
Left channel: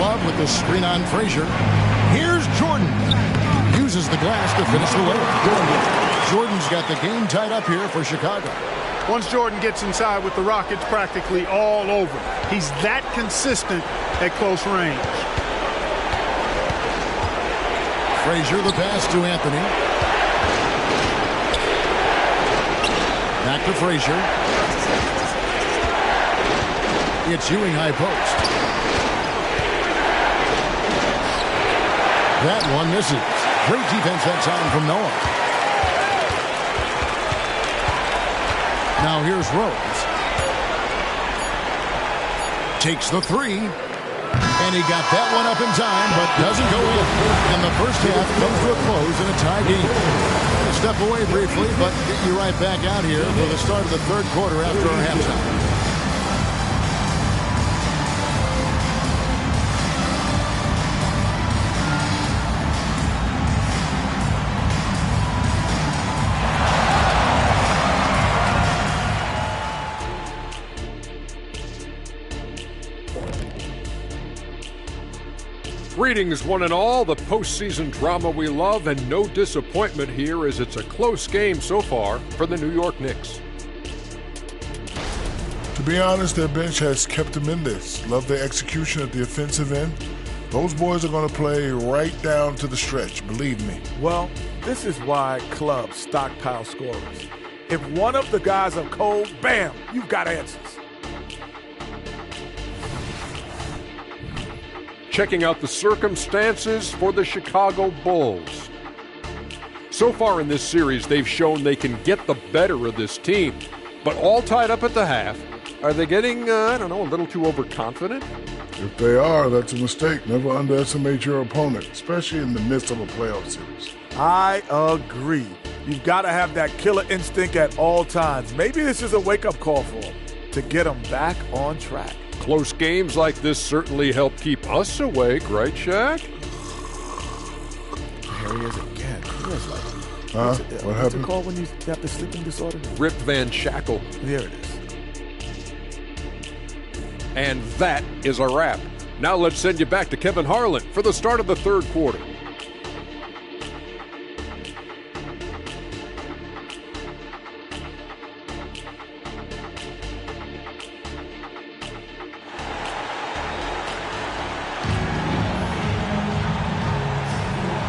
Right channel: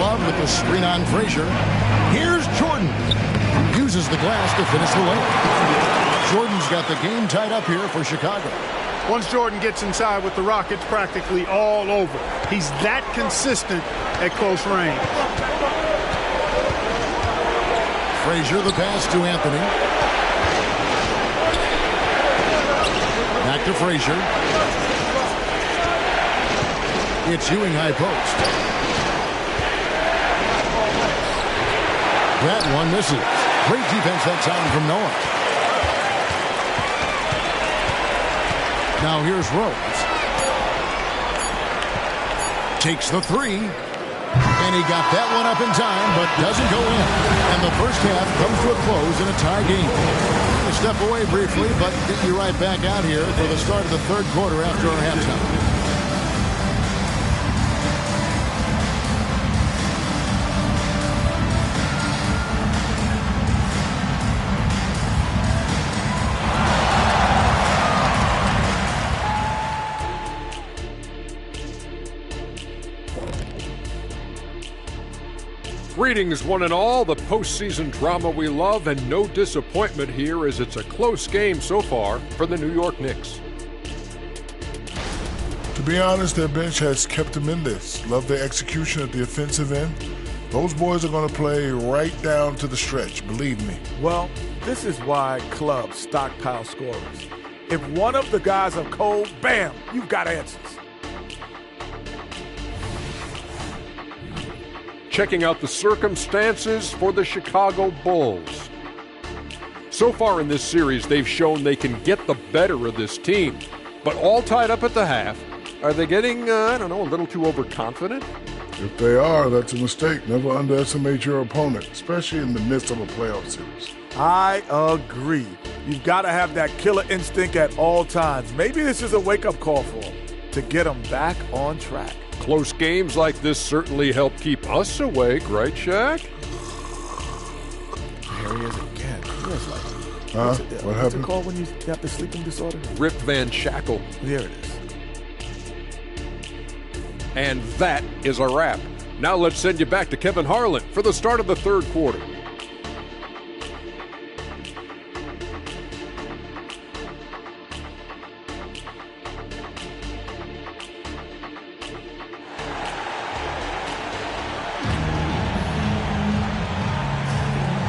Love with the screen on Frazier. Here's Jordan. Uses the glass to finish the layup. Jordan's got the game tied up here for Chicago. Once Jordan gets inside with the Rockets, practically all over. He's that consistent at close range. Frazier the pass to Anthony. Back to Frazier. It's Ewing high post. That one misses. Great defense that time from Noah. Now here's Rose. Takes the 3. And he got that one up in time, but doesn't go in. And the first half comes to a close in a tie game. We'll step away briefly, but get you right back out here for the start of the 3rd quarter after our halftime. Greetings, one and all. The postseason drama we love, and no disappointment here as it's a close game so far for the New York Knicks. To be honest, their bench has kept them in this. Love their execution at the offensive end. Those boys are going to play right down to the stretch, believe me. Well, this is why clubs stockpile scorers. If one of the guys are cold, bam, you've got answers. Checking out the circumstances for the Chicago Bulls. So far in this series, they've shown they can get the better of this team, but all tied up at the half. Are they getting, a little too overconfident? If they are, that's a mistake. Never underestimate your opponent, especially in the midst of a playoff series. I agree. You've got to have that killer instinct at all times. Maybe this is a wake-up call for him to get him back on track. Close games like this certainly help keep us awake, right, Shaq? Here he is again. He is like, what happened? What's it called when you have the sleeping disorder? Rip Van Shackle. There it is. And that is a wrap. Now let's send you back to Kevin Harlan for the start of the third quarter.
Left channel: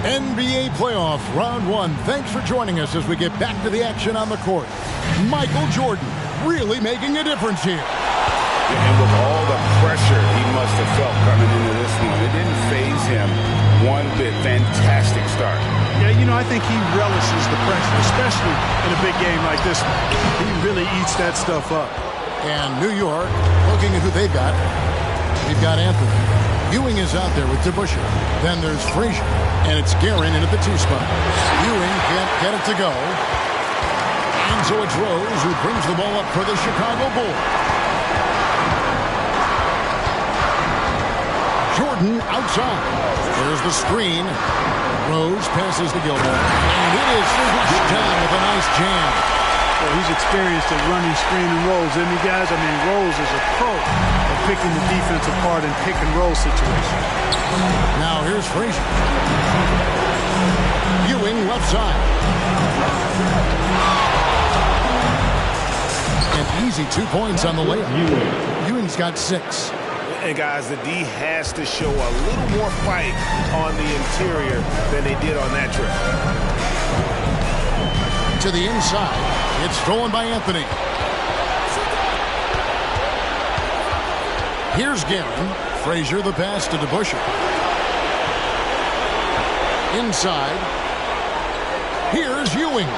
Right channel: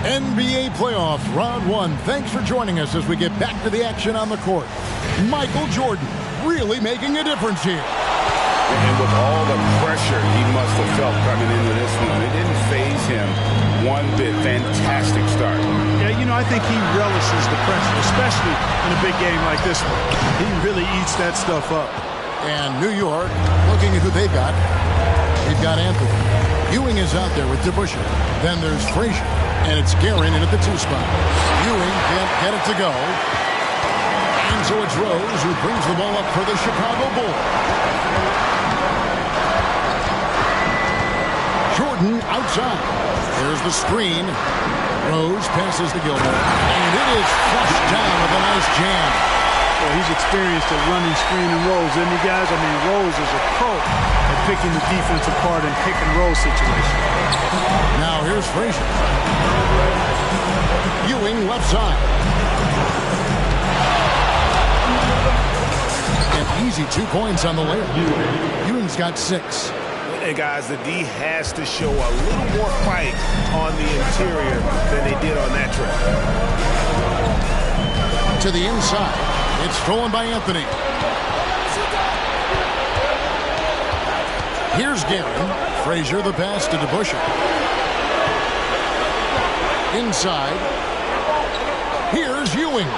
NBA playoffs, round one. Thanks for joining us as we get back to the action on the court. Michael Jordan really making a difference here. And with all the pressure he must have felt coming into this one, it didn't faze him one bit. Fantastic start. Yeah, I think he relishes the pressure, especially in a big game like this one. He really eats that stuff up. And New York, looking at who they've got. They've got Anthony. Ewing is out there with DeBusschere. Then there's Frazier. And it's Guerin in at the 2 spot. Ewing can't get it to go. And so it's Rose who brings the ball up for the Chicago Bulls. Jordan outside. There's the screen. Rose passes to Gilbert. And it is flushed down with a nice jam. Well, he's experienced at running screen and rolls, isn't he, guys? I mean, Rose is a pro at picking the defense apart in pick and roll situations. Now here's Frazier. Ewing left side. An easy 2 points on the layup. Ewing's got 6. And guys, the D has to show a little more fight on the interior than they did on that trip. To the inside. It's stolen by Anthony. Here's Guerin. Frazier the pass to DeBusschere. Inside. Here's Ewing.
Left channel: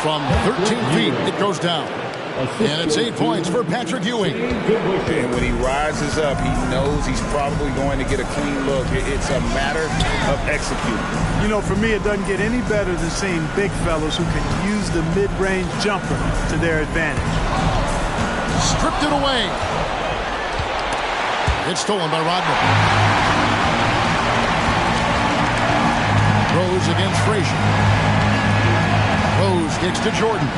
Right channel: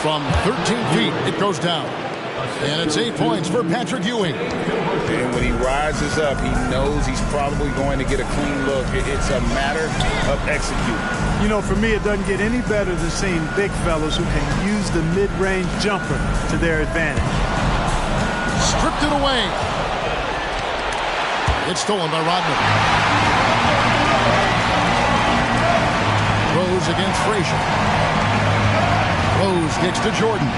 From 13 feet, it goes down. And it's 8 points for Patrick Ewing. And when he rises up, he knows he's probably going to get a clean look. It's a matter of executing. For me, it doesn't get any better than seeing big fellas who can use the mid-range jumper to their advantage. Stripped it away. It's stolen by Rodman. Rose against Frazier. Rose kicks to Jordan.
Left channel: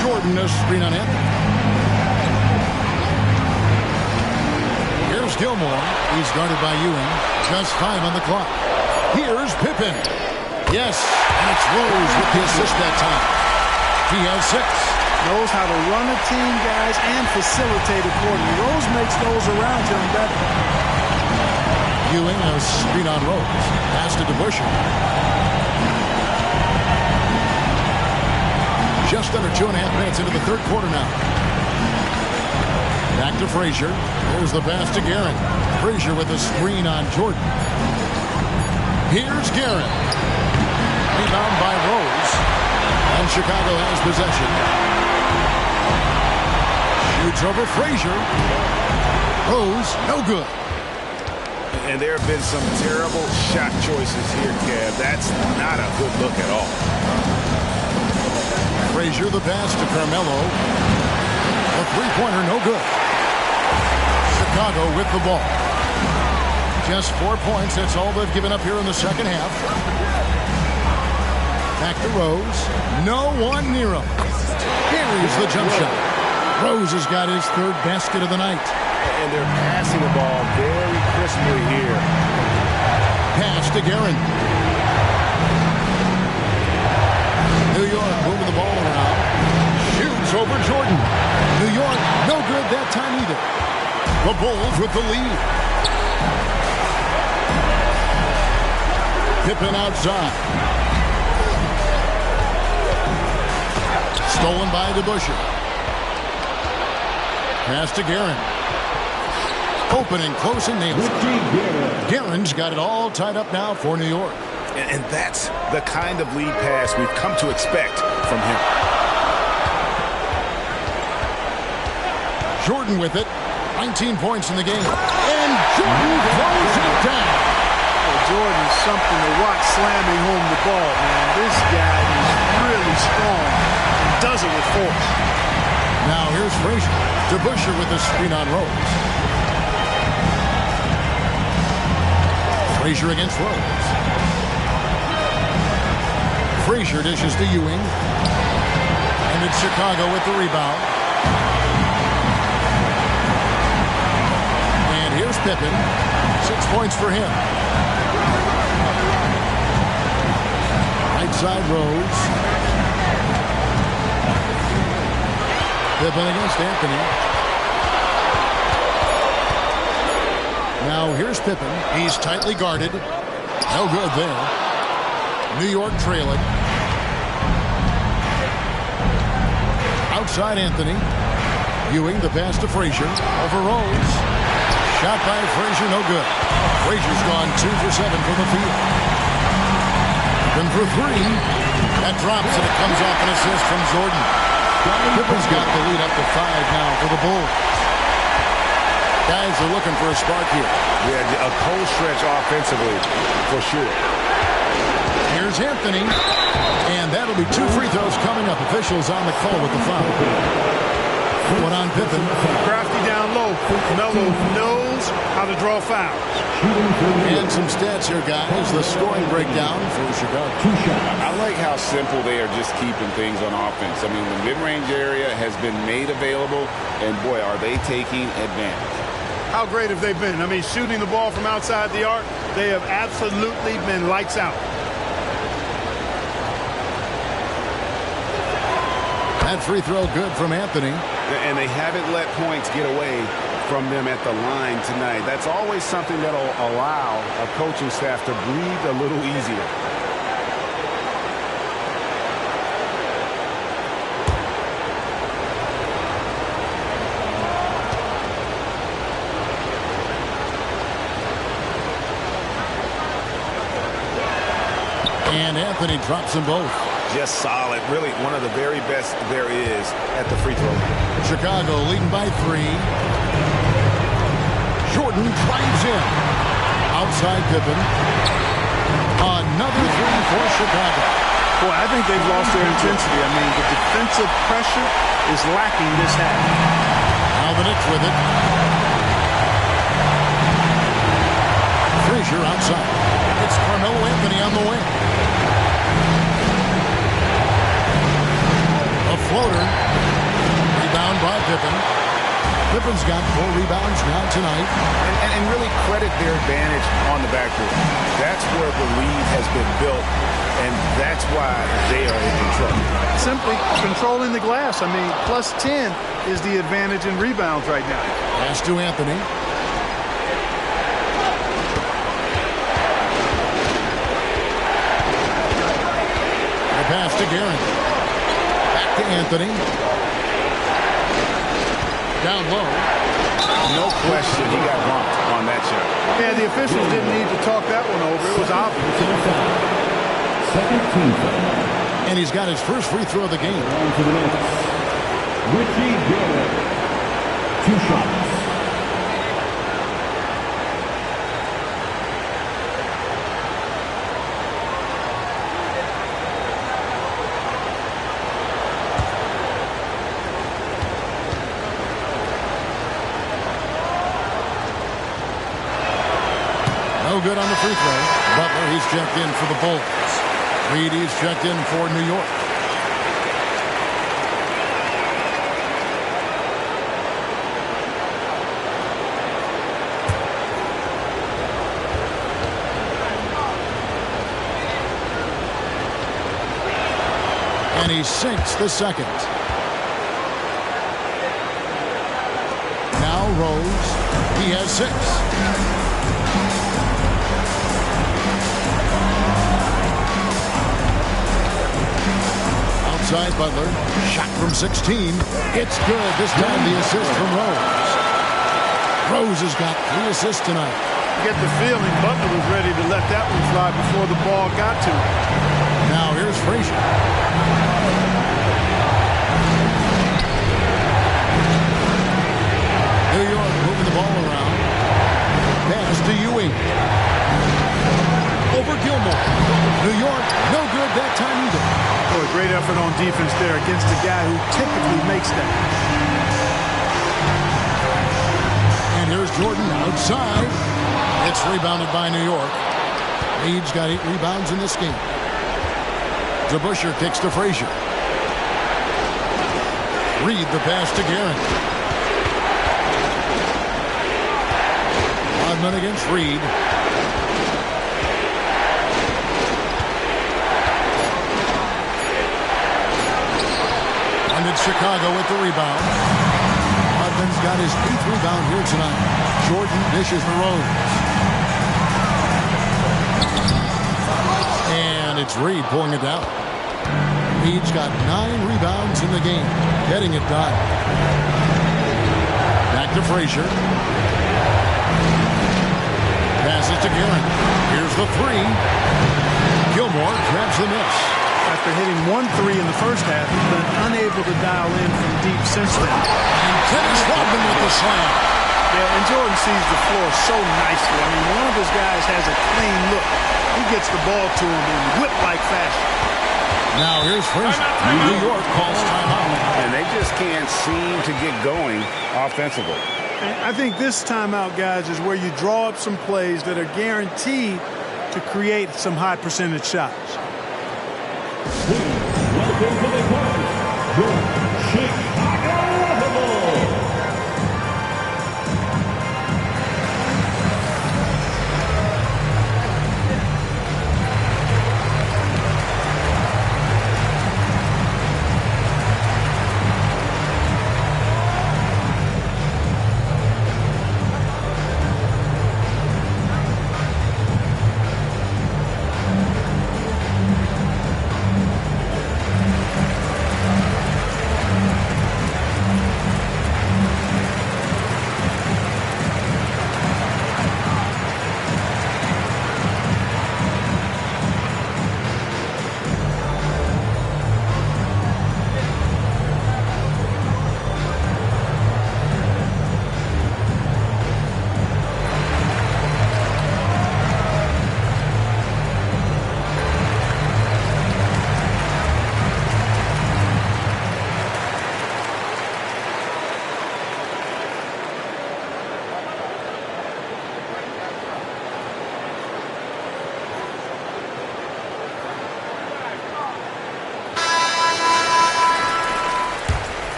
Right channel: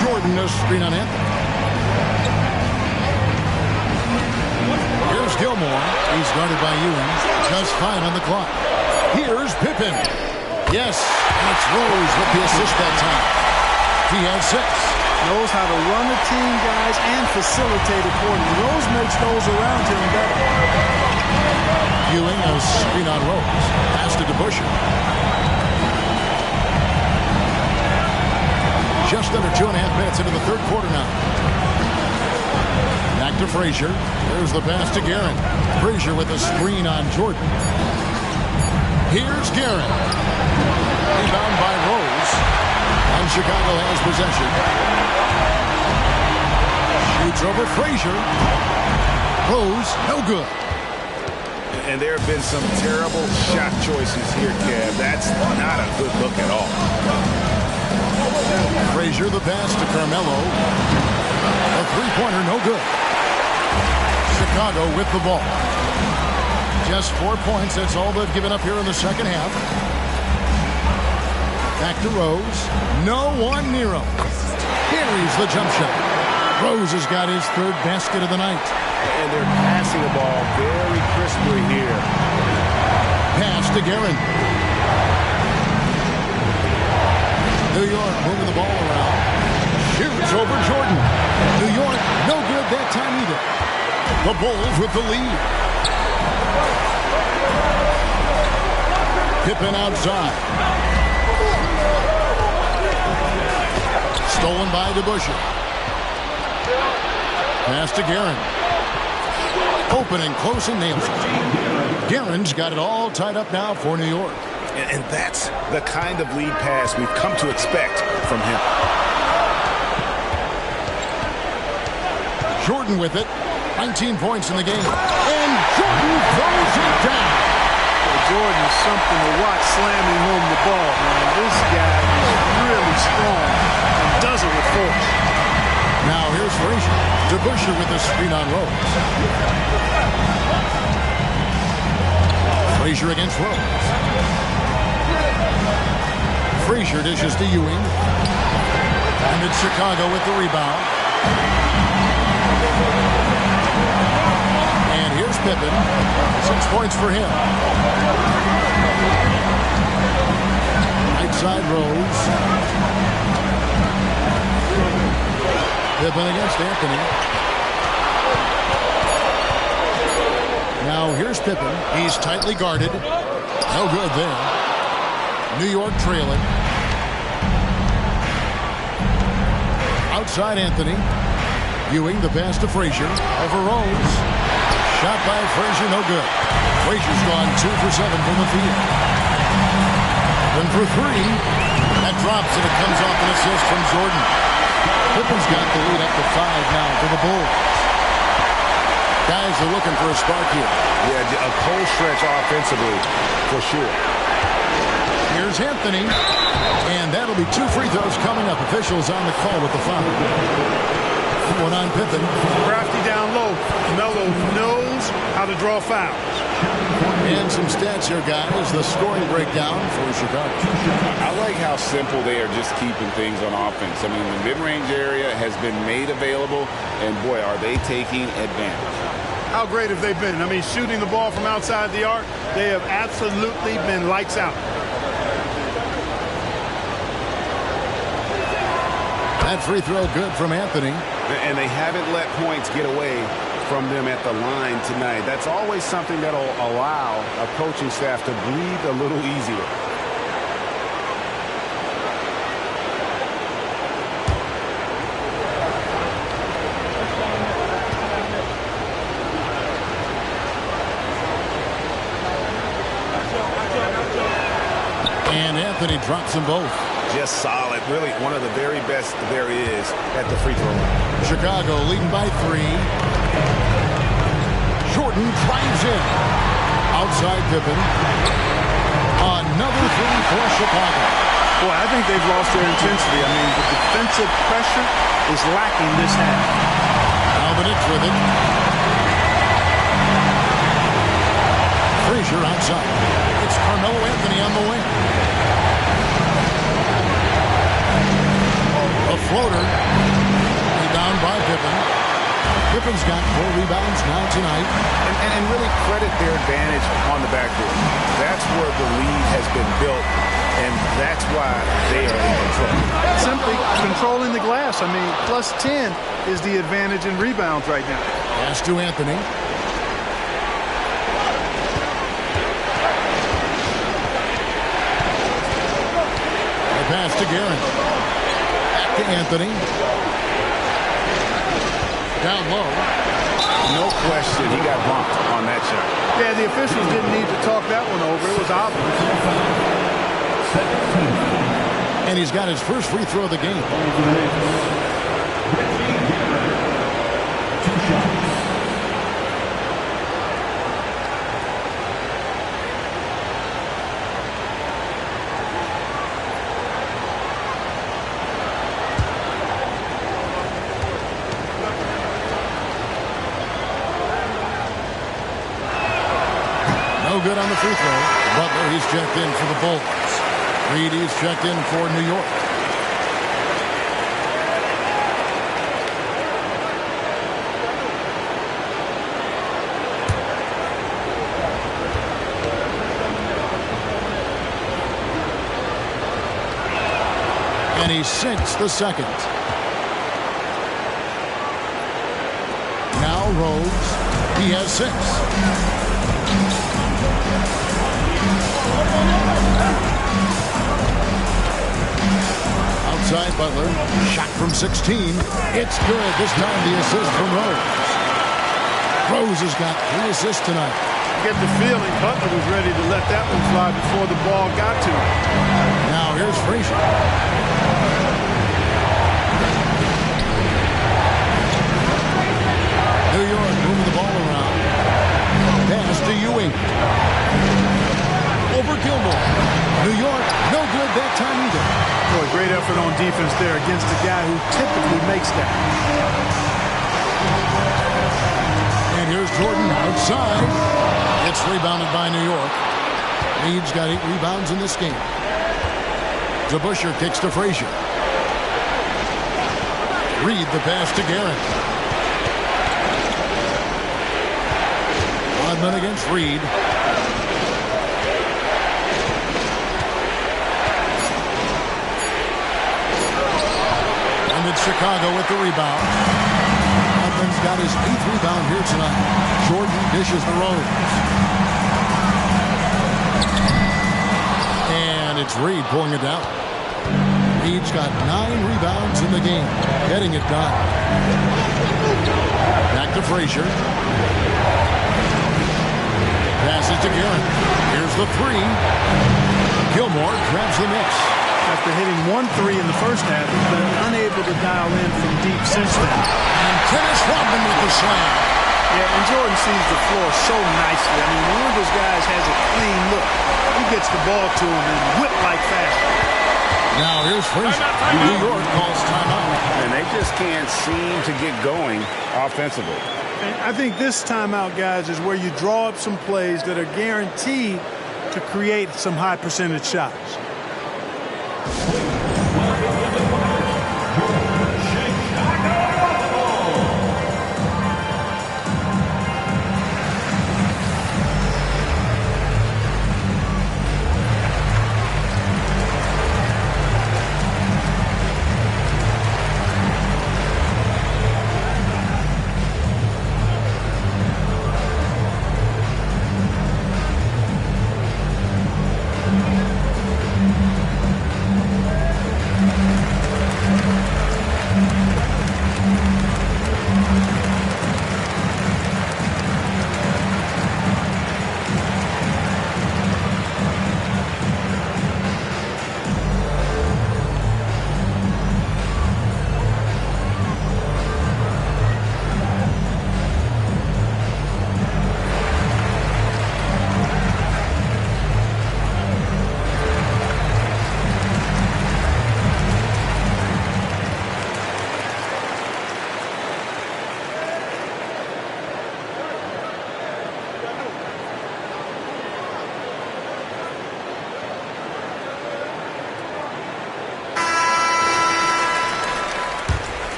Jordan, a screen on Anthony. Here's Gilmore. He's guarded by Ewing. Just 5 on the clock. Here's Pippen. Yes, and it's Rose with the assist that time. He has 6. Knows how to run a team, guys, and facilitate accordingly. Rose makes those around him better. Ewing, a screen on Rose. Pass to DeBusschere. Just under 2.5 minutes into the third quarter now. Back to Frazier. There's the pass to Guerin. Frazier with a screen on Jordan. Here's Guerin. Rebound by Rose. And Chicago has possession. Shoots over Frazier. Rose, no good. And there have been some terrible shot choices here, Kev. That's not a good look at all. Frazier the pass to Carmelo. A three-pointer, no good. Chicago with the ball. Just 4 points. That's all they've given up here in the second half. Back to Rose. No one near him. Carries the jump shot. Rose has got his third basket of the night. And they're passing the ball very crisply here. Pass to Guerin. New York moving the ball around. Shoots over Jordan. New York, no good that time either. The Bulls with the lead. Pippen outside. Stolen by DeBusschere. Pass to Guerin. Opening close and nails it. Guerin's got it all tied up now for New York. And that's the kind of lead pass we've come to expect from him. Jordan with it. 19 points in the game. And Jordan throws it down. Jordan is something to watch slamming home the ball, man. This guy is really strong and does it with force. Now here's Frazier to Busher with the screen on Rose. Frazier against Rose. Frazier dishes to Ewing. And it's Chicago with the rebound. And here's Pippen. 6 points for him. Right side Rose. Pippen against Anthony. Now here's Pippen. He's tightly guarded. No good there. New York trailing. Outside Anthony. Ewing the pass to Frazier. Over Rose. Shot by Frazier, no good. Frazier's gone 2 for 7 from the field. Pippen for 3. That drops and it comes off an assist from Jordan. Pippen's got the lead up to 5 now for the Bulls. Guys are looking for a spark here. Yeah, a cold stretch offensively for sure. Here's Anthony. And that'll be 2 free throws coming up. Officials on the call with the foul. One on Pippen. Crafty down low. Melo knows how to draw fouls. And some stats here, guys. The scoring breakdown for Chicago. I like how simple they are just keeping things on offense. I mean, the mid-range area has been made available, and boy, are they taking advantage. How great have they been? I mean, shooting the ball from outside the arc, they have absolutely been lights out. That free throw good from Anthony. And they haven't let points get away from them at the line tonight. That's always something that'll allow a coaching staff to breathe a little easier. And Anthony drops them both. Just solid. Really one of the very best there is at the free throw line. Chicago leading by 3. Jordan drives in. Outside Pippen. Another 3 for Chicago. Boy, I think they've lost their intensity. I mean, the defensive pressure is lacking this half. Now the Knicks with it. Frazier outside. It's Carmelo Anthony on the wing. A floater. Rebound by Pippen. Pippen's got 4 rebounds now tonight. And really credit their advantage on the backboard. That's where the lead has been built, and that's why they are in control. Simply controlling the glass. I mean, plus 10 is the advantage in rebounds right now. Pass to Anthony. The pass to Guerin. Back to Anthony. Down low. No question he got bumped on that shot. Yeah, the officials didn't need to talk that one over. It was obvious. And he's got his first free throw of the game. Richie Guerin. 2 shots. No good on the free throw. Butler, he's checked in for the Bulls. Reed, he's checked in for New York. And he sinks the second. Now Rose. He has 6. Outside Butler. Shot from 16. It's good. This time the assist from Rose. Rose has got 3 assists tonight. You get the feeling Butler was ready to let that one fly before the ball got to him. Now here's Frazier. New York moving the ball around. Pass to Ewing. over Gilmore. New York, no good that time either. Boy, great effort on defense there against a guy who typically makes that. And here's Jordan outside. It's rebounded by New York. Reed's got 8 rebounds in this game. DeBusschere kicks to Frazier. Reed the pass to Guerin. Rodman against Reed. And it's Chicago with the rebound. Rodman's got his 8th rebound here tonight. Jordan dishes the Rose. And it's Reed pulling it down. Reed's got 9 rebounds in the game, getting it done. Back to Frazier. Passes to Guerin. Here's the 3. Gilmore grabs the miss. After hitting 1 3 in the first half, he's been unable to dial in from deep since then. And Dennis Rodman with the slam. Yeah, and Jordan sees the floor so nicely. I mean, one of his guys has a clean look. He gets the ball to him in whip-like fashion. Now here's Frazier. New York calls timeout. And they just can't seem to get going offensively. And I think this timeout, guys, is where you draw up some plays that are guaranteed to create some high percentage shots.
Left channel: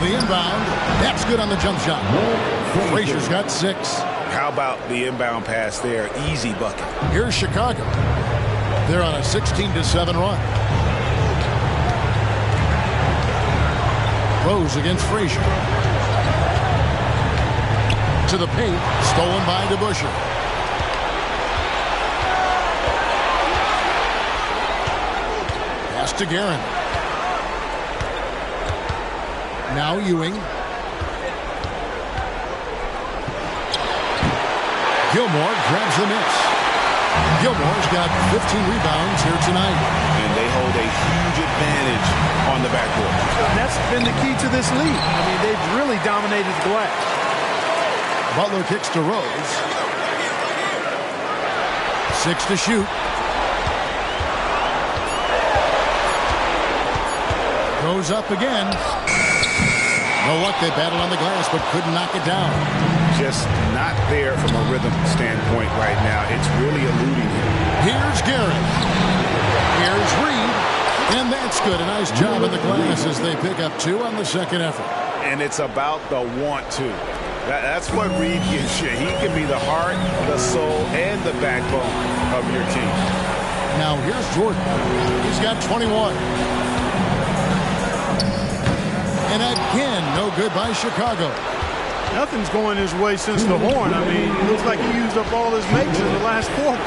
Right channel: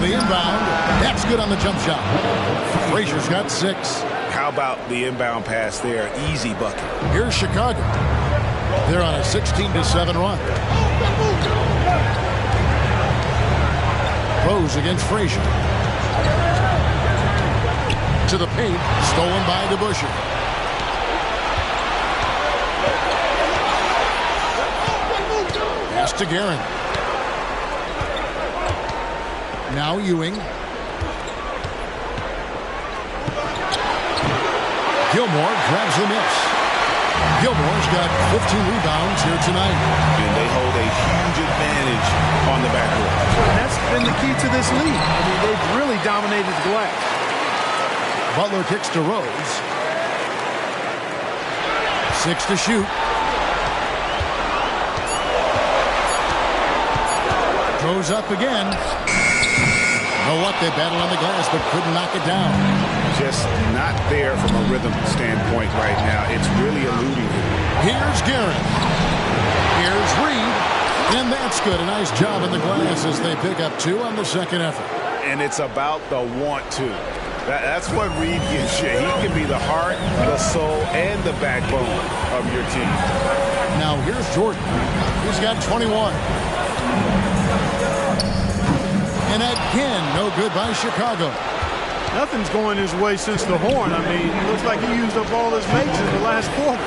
The inbound. That's good on the jump shot. Frazier's got 6. How about the inbound pass there? Easy bucket. Here's Chicago. They're on a 16-7 run. Rose against Frazier. To the paint. Stolen by DeBusschere. Pass to Guerin. Now Ewing. Gilmore grabs the miss. Gilmore's got 15 rebounds here tonight. And they hold a huge advantage on the backcourt. And that's been the key to this league. I mean, they've really dominated the glass. Butler kicks to Rose. 6 to shoot. Goes up again. No luck, they battled on the glass, but couldn't knock it down. Just not there from a rhythm standpoint right now. It's really eluding him. Here's Guerin. Here's Reed. And that's good. A nice job in the glass as they pick up 2 on the second effort. And it's about the want to. That's what Reed gives you. He can be the heart, the soul, and the backbone of your team. Now here's Jordan. He's got 21. And again, no good by Chicago. Nothing's going his way since the horn. I mean, it looks like he used up all his mates in the last quarter.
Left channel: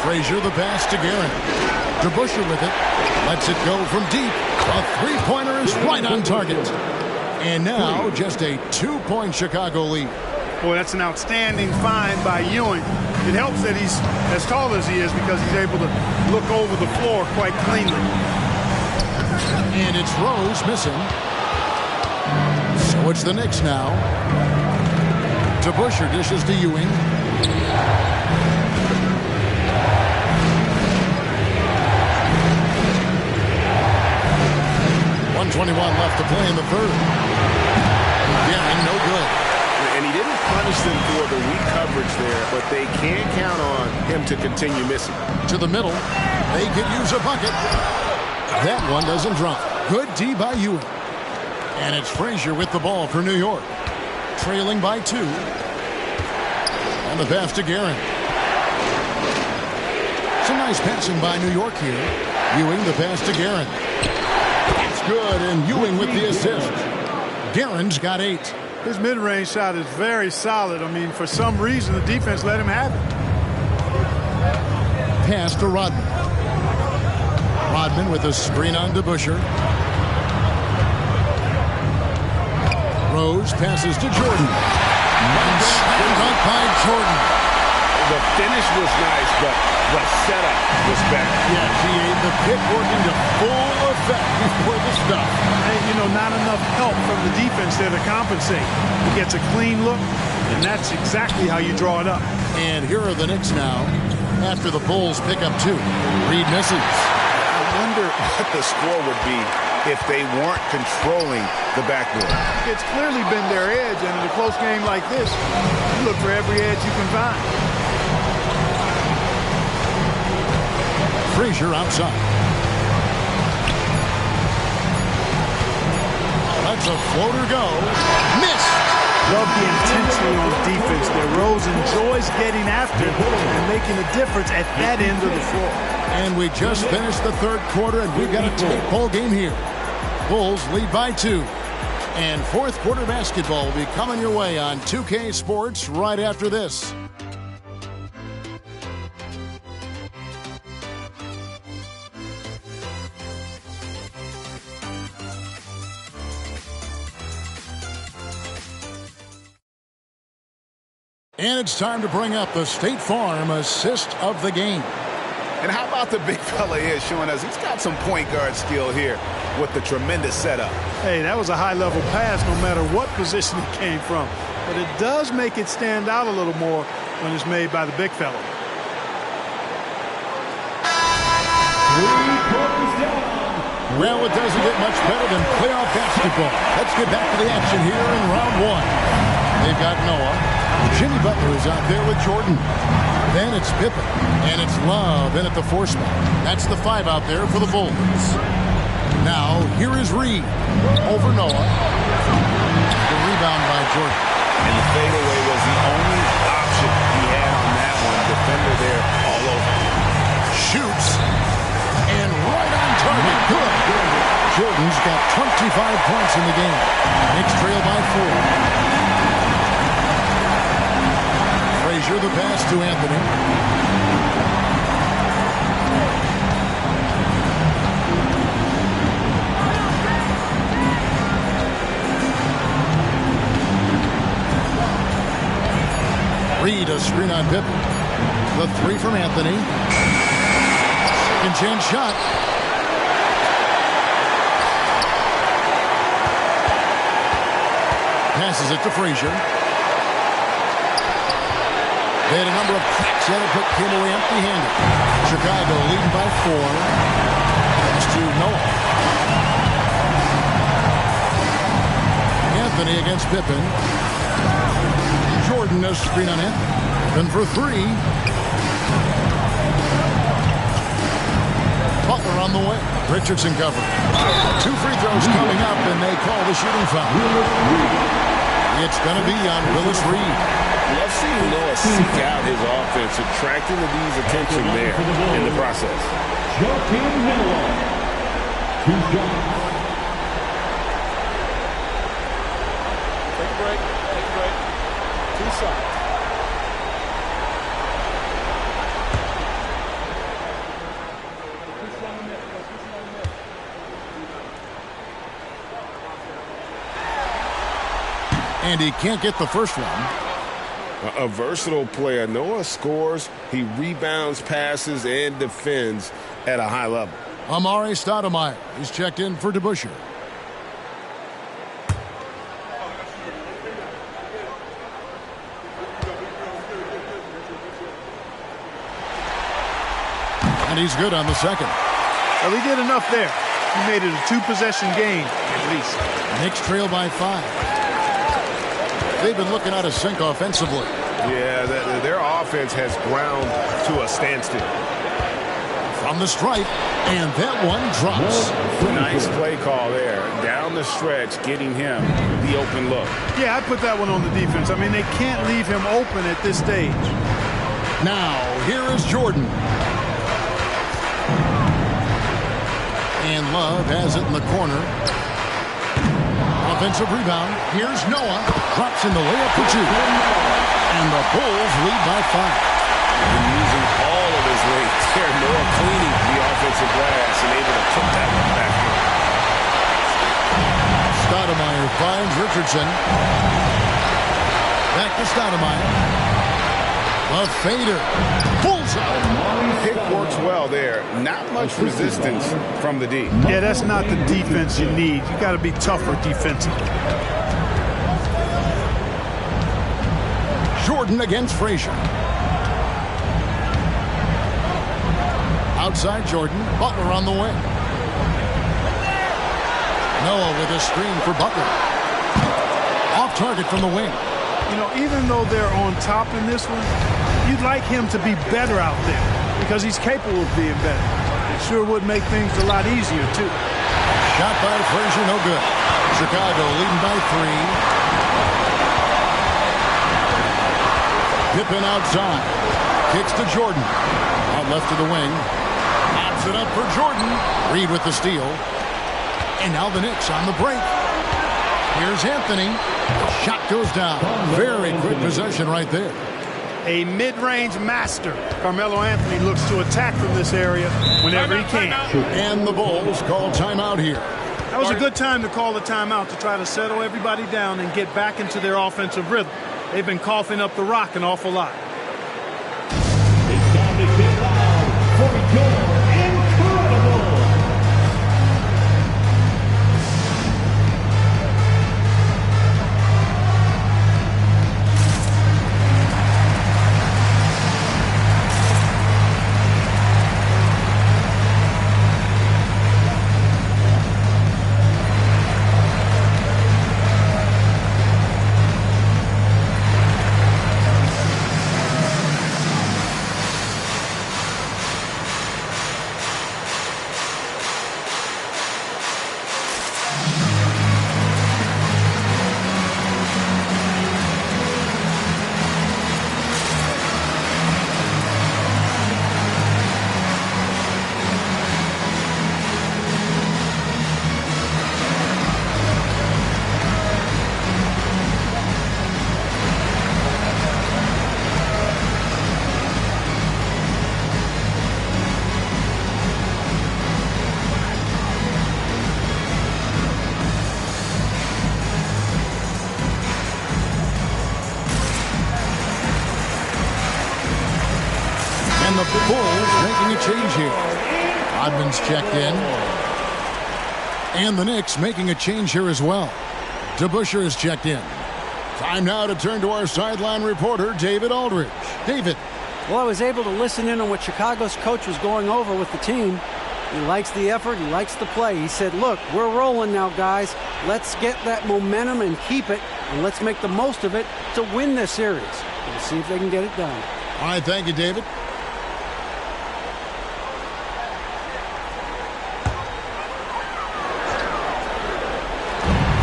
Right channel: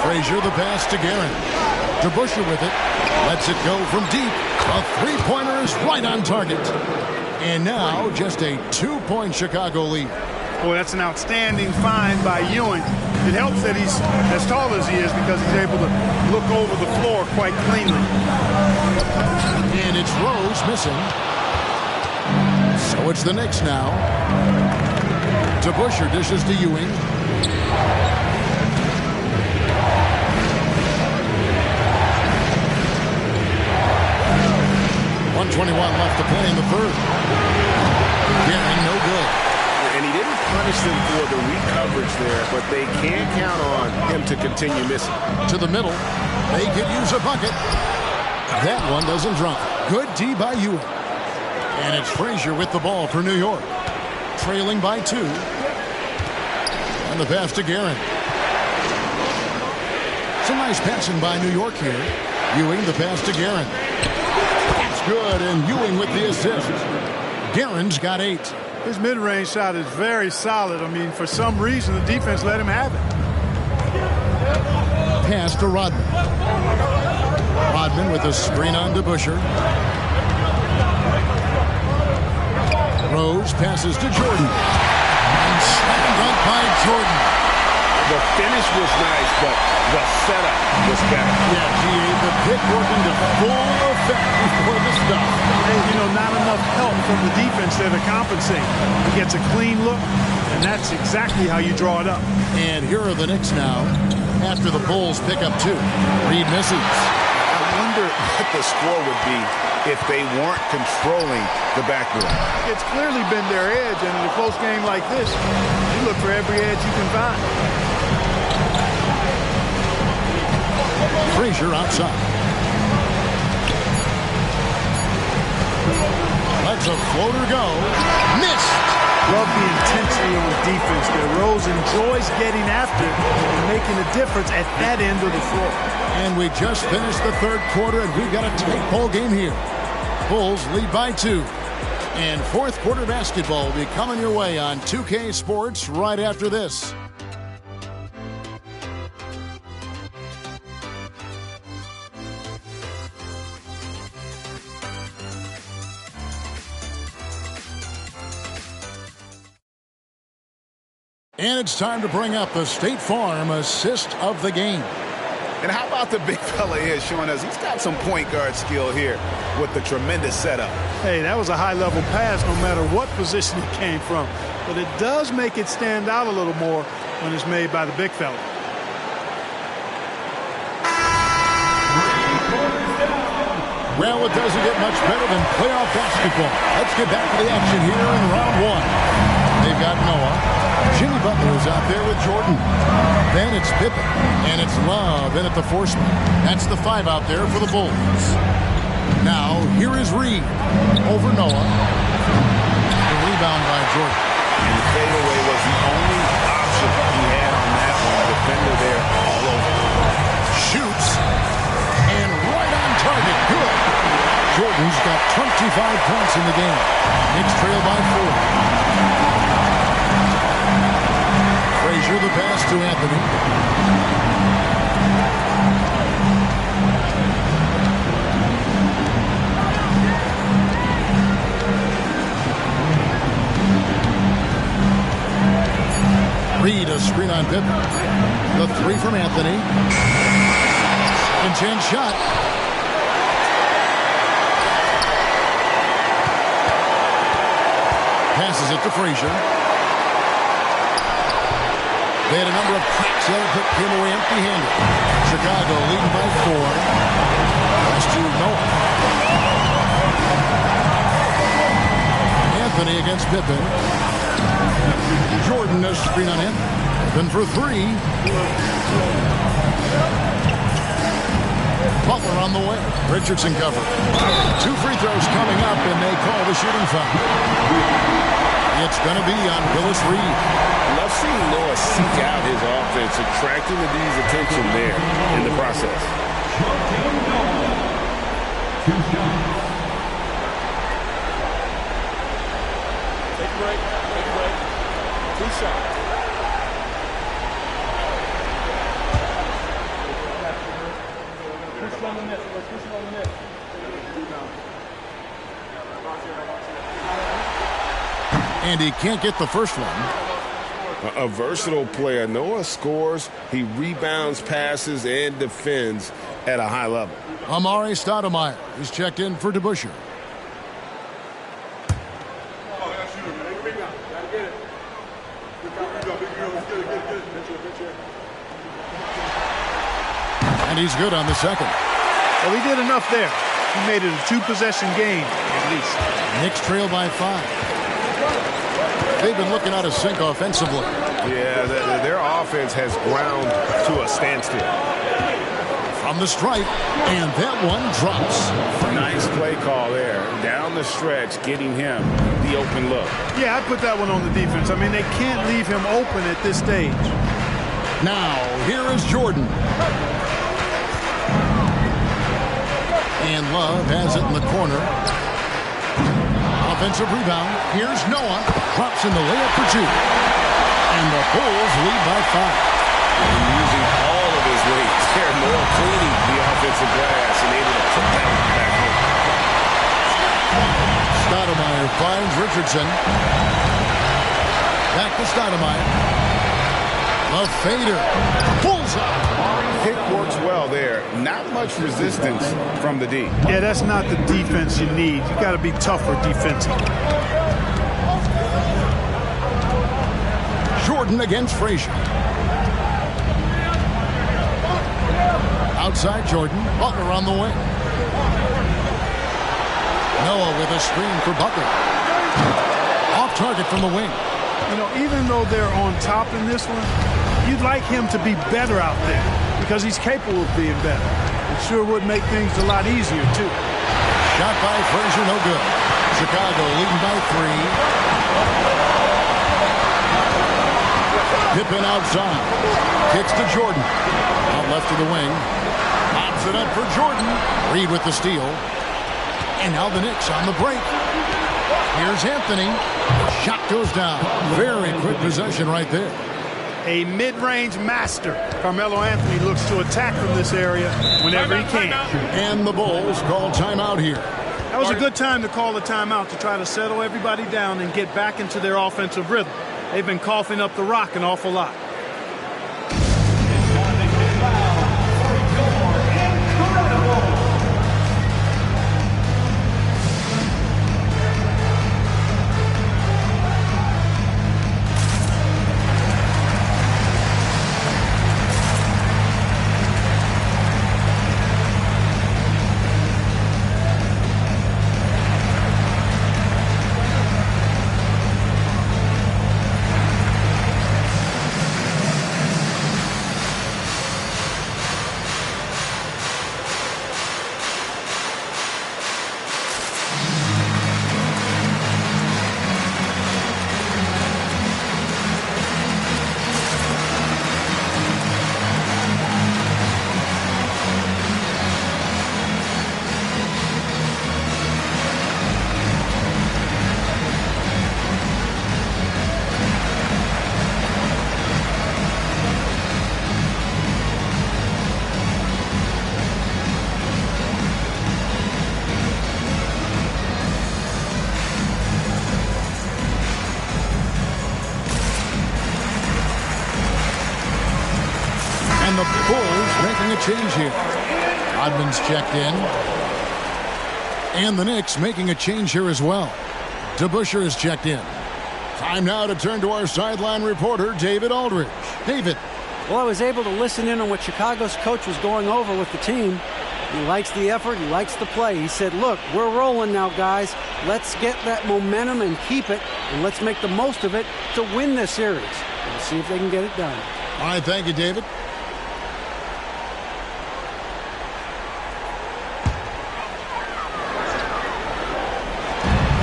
Frazier the pass to Guerin. DeBusschere with it. Lets it go from deep. A three-pointer is right on target. And now just a 2-point Chicago lead. Boy, that's an outstanding find by Ewing. It helps that he's as tall as he is because he's able to look over the floor quite cleanly. And it's Rose missing. So it's the Knicks now. DeBusschere dishes to Ewing. .121 left to play in the third. Guerin, no good. And he didn't punish them for the weak coverage there, but they can count on him to continue missing. To the middle. They could use a bucket. That one doesn't drop. Good D by Ewing. And it's Frazier with the ball for New York. Trailing by 2. And the pass to Guerin. Some nice passing by New York here. Ewing the pass to Guerin. That's good, and Ewing with the assist. Guerin's got 8. His mid-range shot is very solid. I mean, for some reason, the defense let him have it. Pass to Rodman. Rodman with a screen on DeBusschere. Rose passes to Jordan. And slam dunk by Jordan. The finish was nice, but the setup was better. Yeah, G.A., the pick working to full effect before the stuff. Hey, you know, not enough help from the defense there to compensate. He gets a clean look, and that's exactly how you draw it up. And here are the Knicks now after the Bulls pick up 2. Reed misses. I wonder what the score would be if they weren't controlling the backboard. It's clearly been their edge, and in a close game like this, you look for every edge you can find. Frazier outside. Lets a floater go. Missed. Love the intensity on defense there. Rose enjoys getting after it and making a difference at that end of the floor. And we just finished the third quarter, and we've got a tight ball game here. Bulls lead by 2. And fourth quarter basketball will be coming your way on 2K Sports right after this. And it's time to bring up the State Farm assist of the game. And how about the big fella here showing us he's got some point guard skill here with the tremendous setup. Hey, that was a high-level pass no matter what position it came from. But it does make it stand out a little more when it's made by the big fella. Well, it doesn't get much better than playoff basketball. Let's get back to the action here in round 1. They've got Noah. Jimmy Butler is out there with Jordan. Then it's Pippen. And it's Love in at the 4 spot. That's the 5 out there for the Bulls. Now, here is Reed over Noah. The rebound by Jordan. And the fadeaway was the only option he had on that one. Defender there all over. Shoots. And right on target. Good. Jordan's got 25 points in the game. Knicks trail by 4. Frazier the pass to Anthony. Reed a screen on Pippen. The 3 from Anthony. Second chance shot. Passes it to Frazier. They had a number of cracks in it, but came away empty-handed. Chicago leading by 4. Pass to Noah. Anthony against Pippen. Jordan a screen on Anthony. Pippen for 3. Butler on the way. Richardson covered. 2 free throws coming up, and they call the shooting foul. It's going to be on Willis Reed. Love seeing Noah seek out his offense, attracting the D's attention there in the process. Joakim Noah. 2 shots. Take a break. Take a break. 2 shots. And he can't get the first one. A versatile player. Noah scores, he rebounds, passes, and defends at a high level. Amari Stoudemire. He's checked in for DeBusschere. And he's good on the second. Well, he did enough there. He made it a 2-possession game, at least. Knicks trail by 5. They've been looking out of sync offensively. Yeah, their offense has ground to a standstill. From the stripe, and that one drops. Nice play call there. Down the stretch, getting him the open look. Yeah, I put that one on the defense. I mean, they can't leave him open at this stage. Now, here is Jordan. And Love has it in the corner. Offensive rebound. Here's Noah. Drops in the layup for 2. And the Bulls lead by 5. And using all of his weight there, Noah cleaning the offensive glass and able to put that one back home. Stoudemire finds Richardson. Back to Stoudemire. The fader. Pulls up. Pick works well there. Not much resistance from the D. Yeah, that's not the defense you need. You got to be tougher defensively. Jordan against Frazier. Outside Jordan. Butler on the wing. Noah with a screen for Butler. Off target from the wing. You know, even though they're on top in this one, you'd like him to be better out there because he's capable of being better. It sure would make things a lot easier, too. Shot by Frazier, no good. Chicago leading by 3. Pippen outside. Kicks to Jordan. Out left to the wing. Pops it up for Jordan. Reed with the steal. And now the Knicks on the break. Here's Anthony. Shot goes down. Very quick possession right there. A mid-range master. Carmelo Anthony looks to attack from this area whenever he can. And the Bulls call timeout here. That was a good time to call the timeout to try to settle everybody down and get back into their offensive rhythm. They've been coughing up the rock an awful lot. It's time to get loud for your incredible. And the Bulls making a change here. Rodman's checked in. And the Knicks making a change here as well. DeBusschere is checked in. Time now to turn to our sideline reporter, David Aldridge. David. Well, I was able to listen in on what Chicago's coach was going over with the team. He likes the effort. He likes the play. He said, look, we're rolling now, guys. Let's get that momentum and keep it, and let's make the most of it to win this series. We'll see if they can get it done. All right, thank you, David.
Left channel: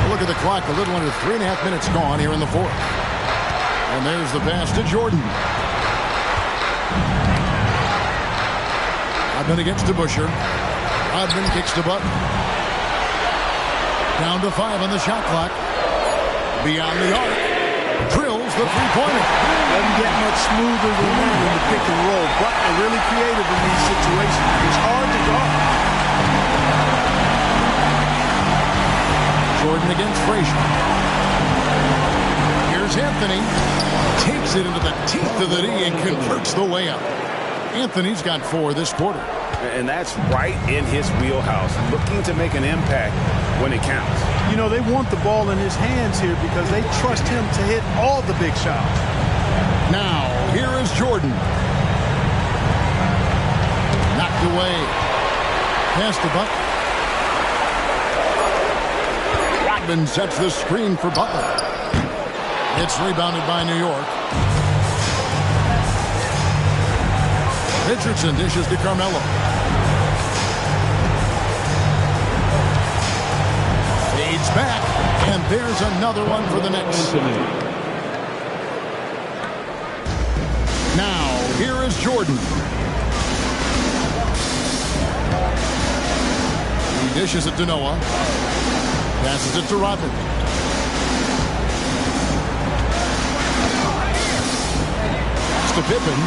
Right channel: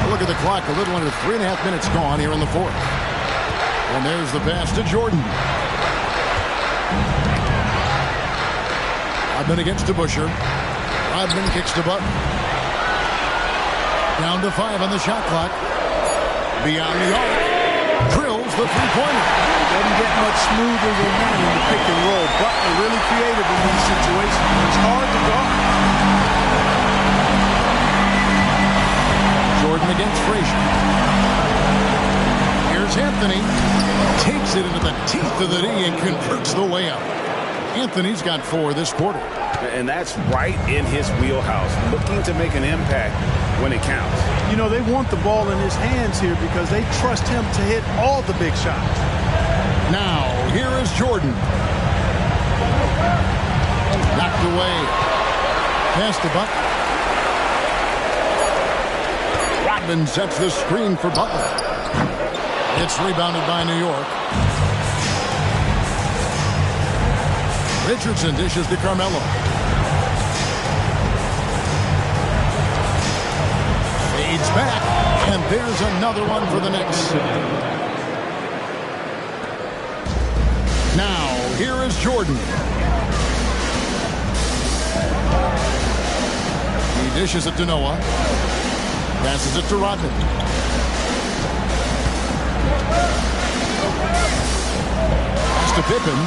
Look at the clock. A little under 3.5 minutes gone here in the fourth. And there's the pass to Jordan. Rodman against DeBusschere. Rodman kicks to Butler. Down to 5 on the shot clock. Beyond the arc. Drills the three-pointer. Doesn't get much smoother than that in the pick and roll. Butler really creative in these situations. He's hard to guard. Jordan against Frazier. Here's Anthony. Takes it into the teeth of the knee and converts the layup. Anthony's got 4 this quarter. And that's right in his wheelhouse, looking to make an impact when it counts. You know, they want the ball in his hands here because they trust him to hit all the big shots. Now, here is Jordan. Knocked away. Pass to Buck. Rodman sets the screen for Butler. It's rebounded by New York. Richardson dishes to Carmelo. Fades back, and there's another one for the Knicks. Now, here is Jordan. He dishes it to Noah. Passes it to Rodman. Pass to Pippen.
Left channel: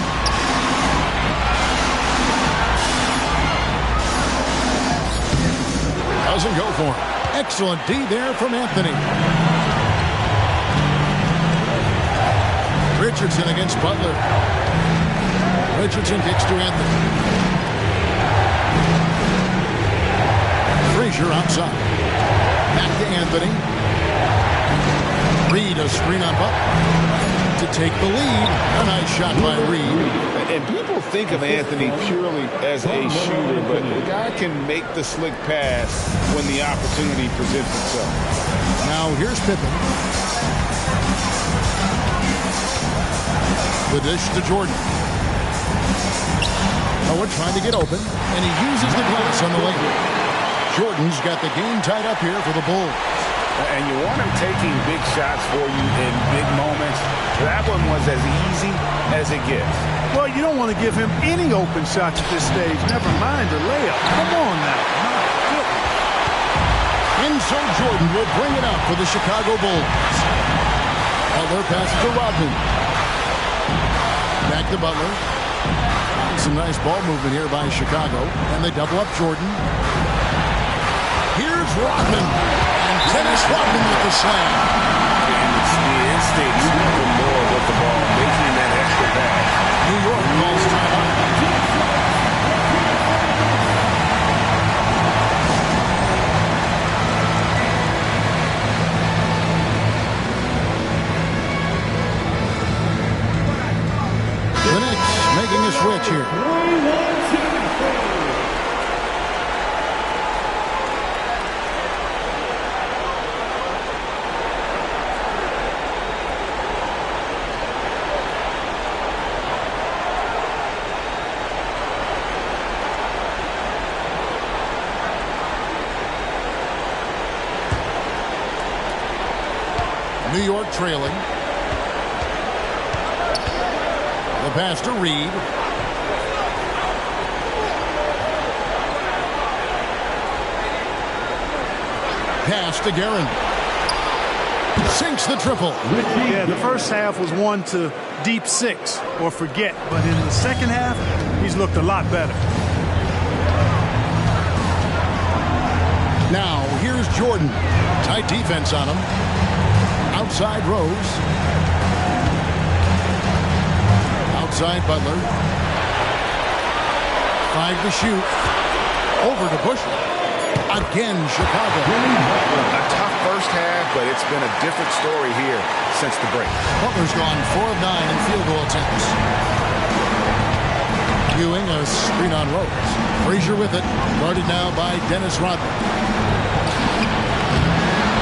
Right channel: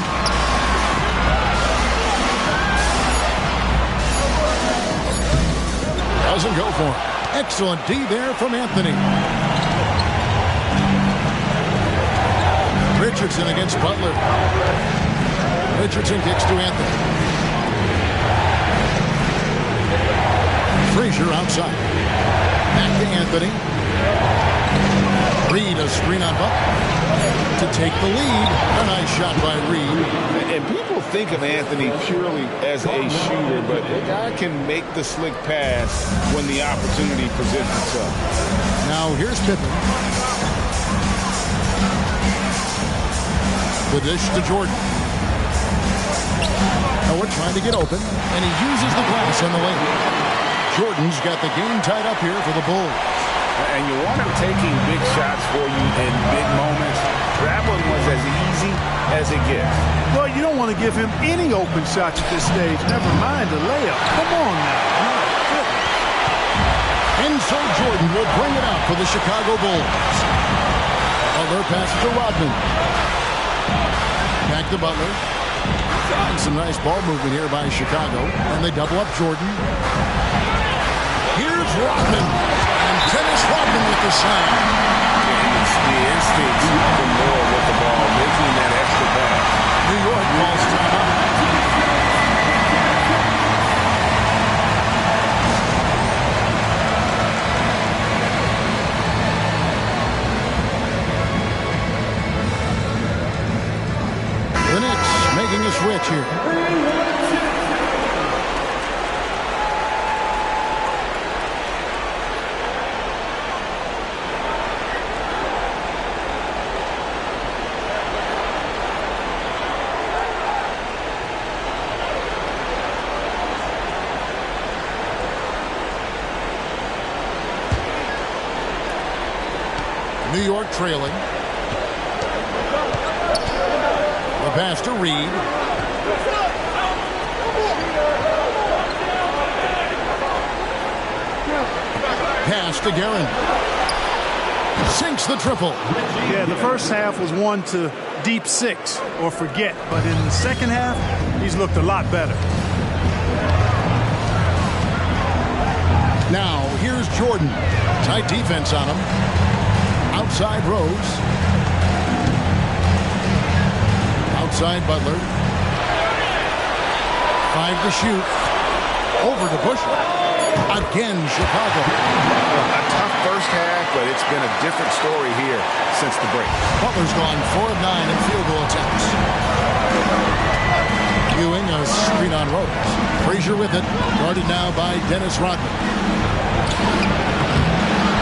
Doesn't go for him. Excellent D there from Anthony. Richardson against Butler. Richardson kicks to Anthony. Frazier outside. Back to Anthony. Reed, a screen on Butler to take the lead. A nice shot by Reed. And people think of Anthony purely as a shooter, but the guy can make the slick pass when the opportunity presents itself. Now here's Pippen. The dish to Jordan. Noah trying to get open, and he uses the glass on the lane. Jordan's got the game tied up here for the Bulls. And you want him taking big shots for you in big moments. That one was as easy as it gets. Well, you don't want to give him any open shots at this stage. Never mind a layup. Come on now. My goodness. And so Jordan will bring it out for the Chicago Bulls. Butler passes to Rodman. Back to Butler. And some nice ball movement here by Chicago. And they double up Jordan. Here's Rodman. And Dennis Rodman with the slam. And it's the instincts for more with the ball, making that extra pass. New York calls timeout. The Knicks making a switch here. New York trailing. The pass to Reed. Pass to Guerin. Sinks the triple. Yeah, the first half was one to deep 6 or forget. But in the second half, he's looked a lot better. Now, here's Jordan. Tight defense on him. Outside Rose. Outside Butler. 5 to shoot. Over to Bushel. Again, Chicago. A tough first half, but it's been a different story here since the break. Butler's gone 4 of 9 in field goal attempts. Ewing, a screen on Rose. Frazier with it. Guarded now by Dennis Rodman.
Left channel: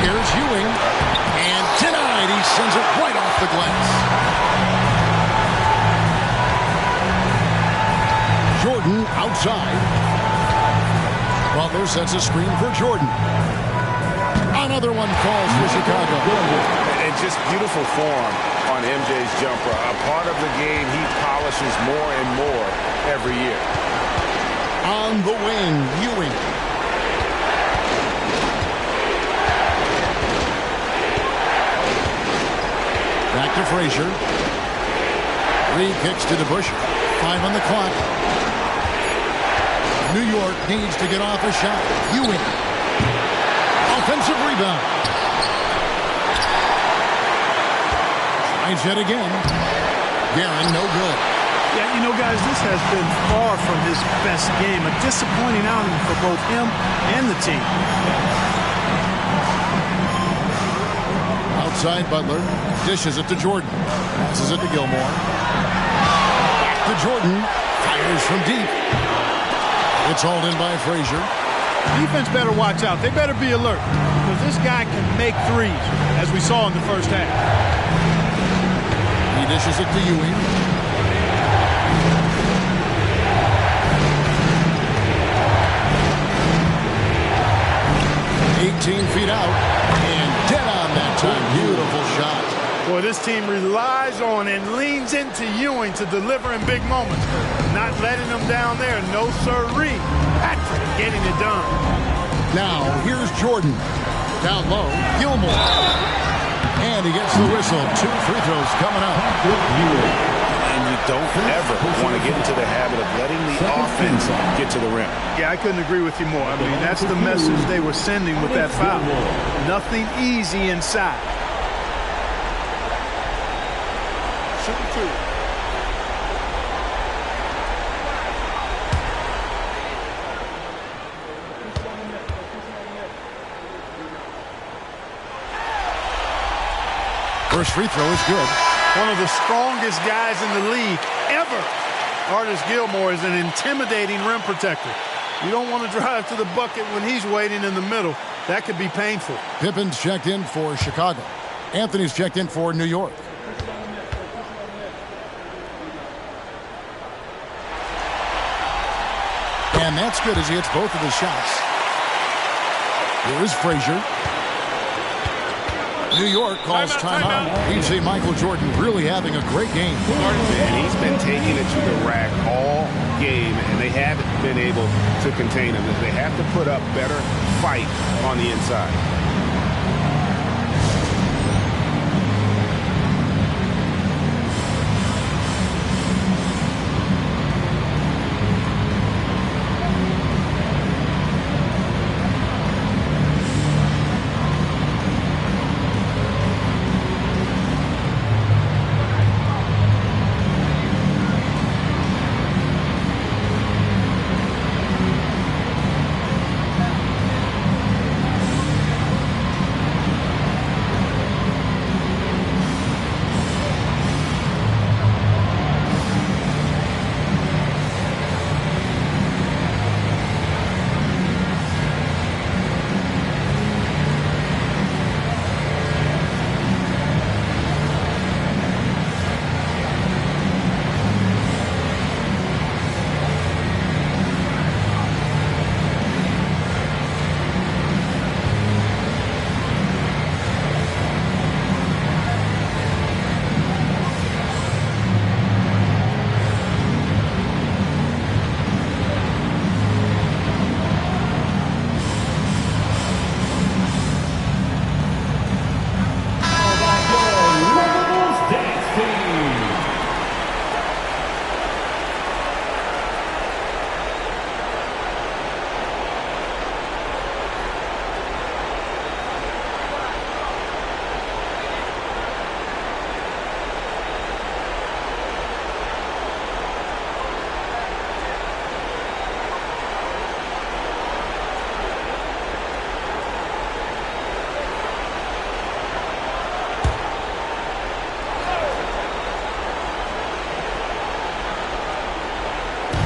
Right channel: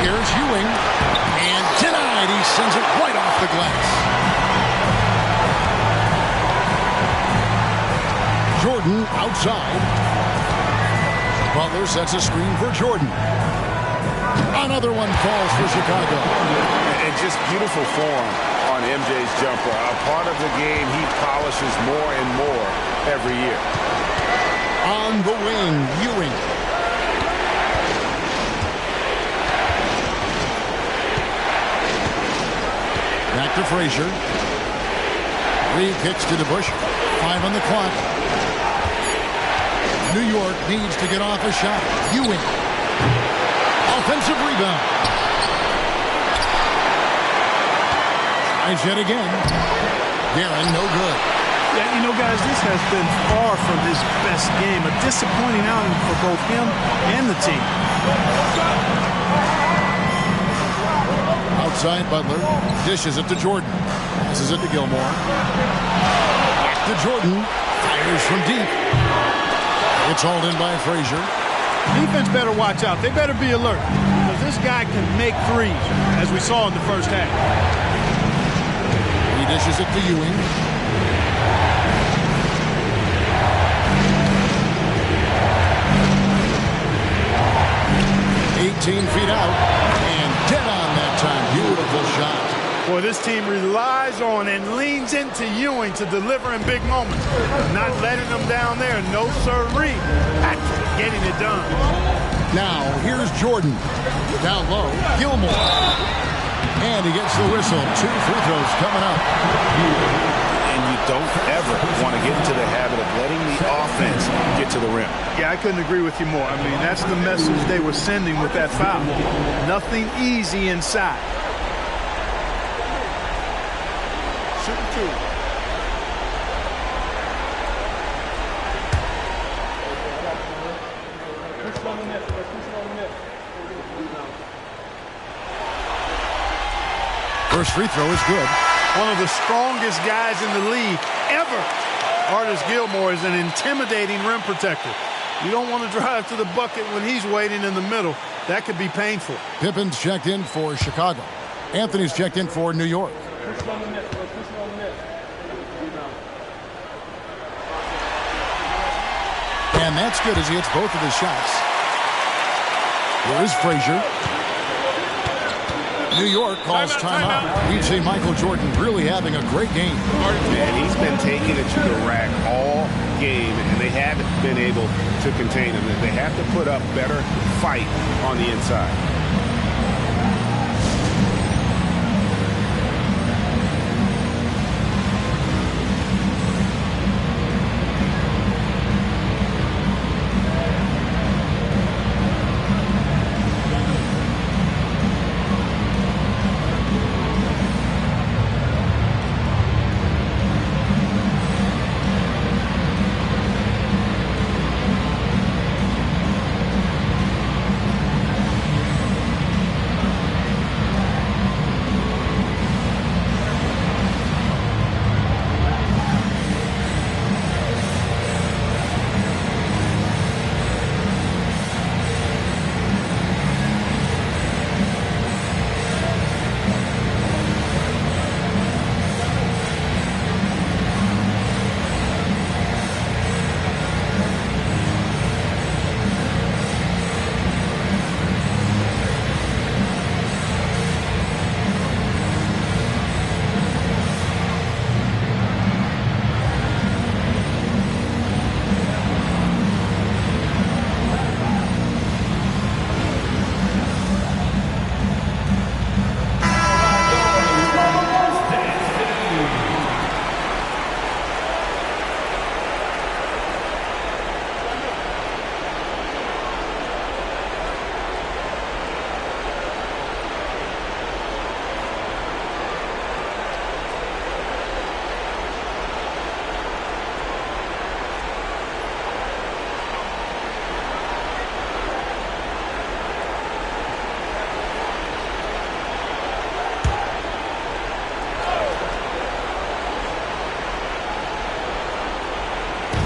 Here's Ewing. And denied. He sends it right off the glass. Jordan outside. Butler sets a screen for Jordan. Another one falls for Chicago. And just beautiful form on MJ's jumper. A part of the game he polishes more and more every year. On the wing, Ewing. Back to Frazier. Re-kicks to DeBusschere. 5 on the clock. New York needs to get off a shot. Ewing. Offensive rebound. Tries yet again. Guerin, no good. Yeah, you know, guys, this has been far from his best game. A disappointing outing for both him and the team. Outside Butler. Dishes it to Jordan. Passes it to Gilmore. Back to Jordan. Fires from deep. It's hauled in by Frazier. Defense better watch out. They better be alert because this guy can make threes, as we saw in the first half. He dishes it to Ewing. "18 feet out and dead on that time." Beautiful shot. Boy, this team relies on and leans into Ewing to deliver in big moments. Not letting them down there. No sirree. Patrick getting it done. Now, here's Jordan. Down low, Gilmore. And he gets the whistle. 2 free throws coming up. And you don't ever want to get into the habit of letting the offense get to the rim. Yeah, I couldn't agree with you more. I mean, that's the message they were sending with that foul. Nothing easy inside. Shooting 2. First free throw is good. One of the strongest guys in the league ever. Artis Gilmore is an intimidating rim protector. You don't want to drive to the bucket when he's waiting in the middle. That could be painful. Pippen's checked in for Chicago. Anthony's checked in for New York. And that's good as he hits both of his shots. Here is Frazier. New York calls timeout. We'd see Michael Jordan really having a great game. Man, he's been taking it to the rack all game, and they haven't been able to contain him. They have to put up better fight on the inside.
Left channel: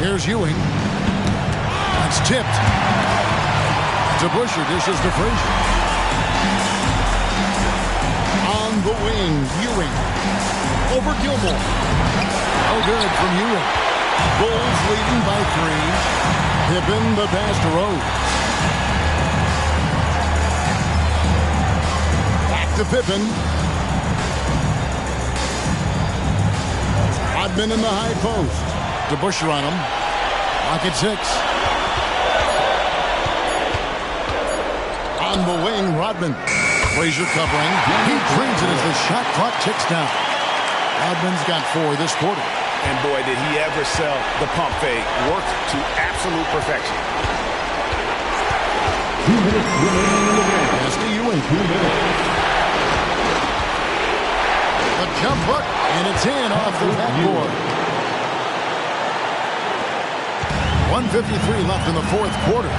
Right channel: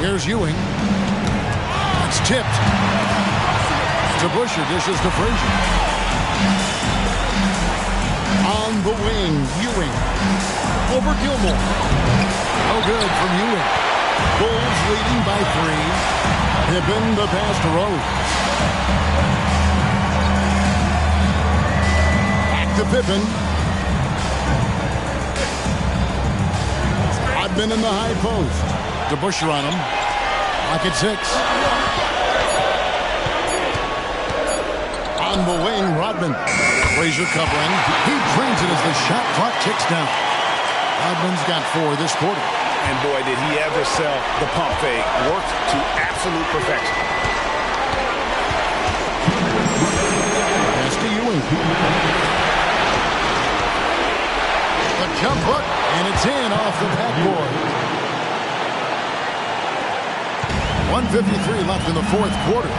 Here's Ewing. It's tipped. DeBusschere dishes to Frazier. On the wing, Ewing. Over Gilmore. No good from Ewing. Bulls leading by 3. Pippen the pass to Rose. Back to Pippen. Rodman in the high post. DeBusschere on him. Lock at 6. On the wing, Rodman. Frazier covering. He drains it as the shot clock ticks down. Rodman's got 4 this quarter. And boy, did he ever sell the pump fake. Worked to absolute perfection. Pass to Ewing. The jump hook, and it's in off the backboard. 1:53 left in the 4th quarter.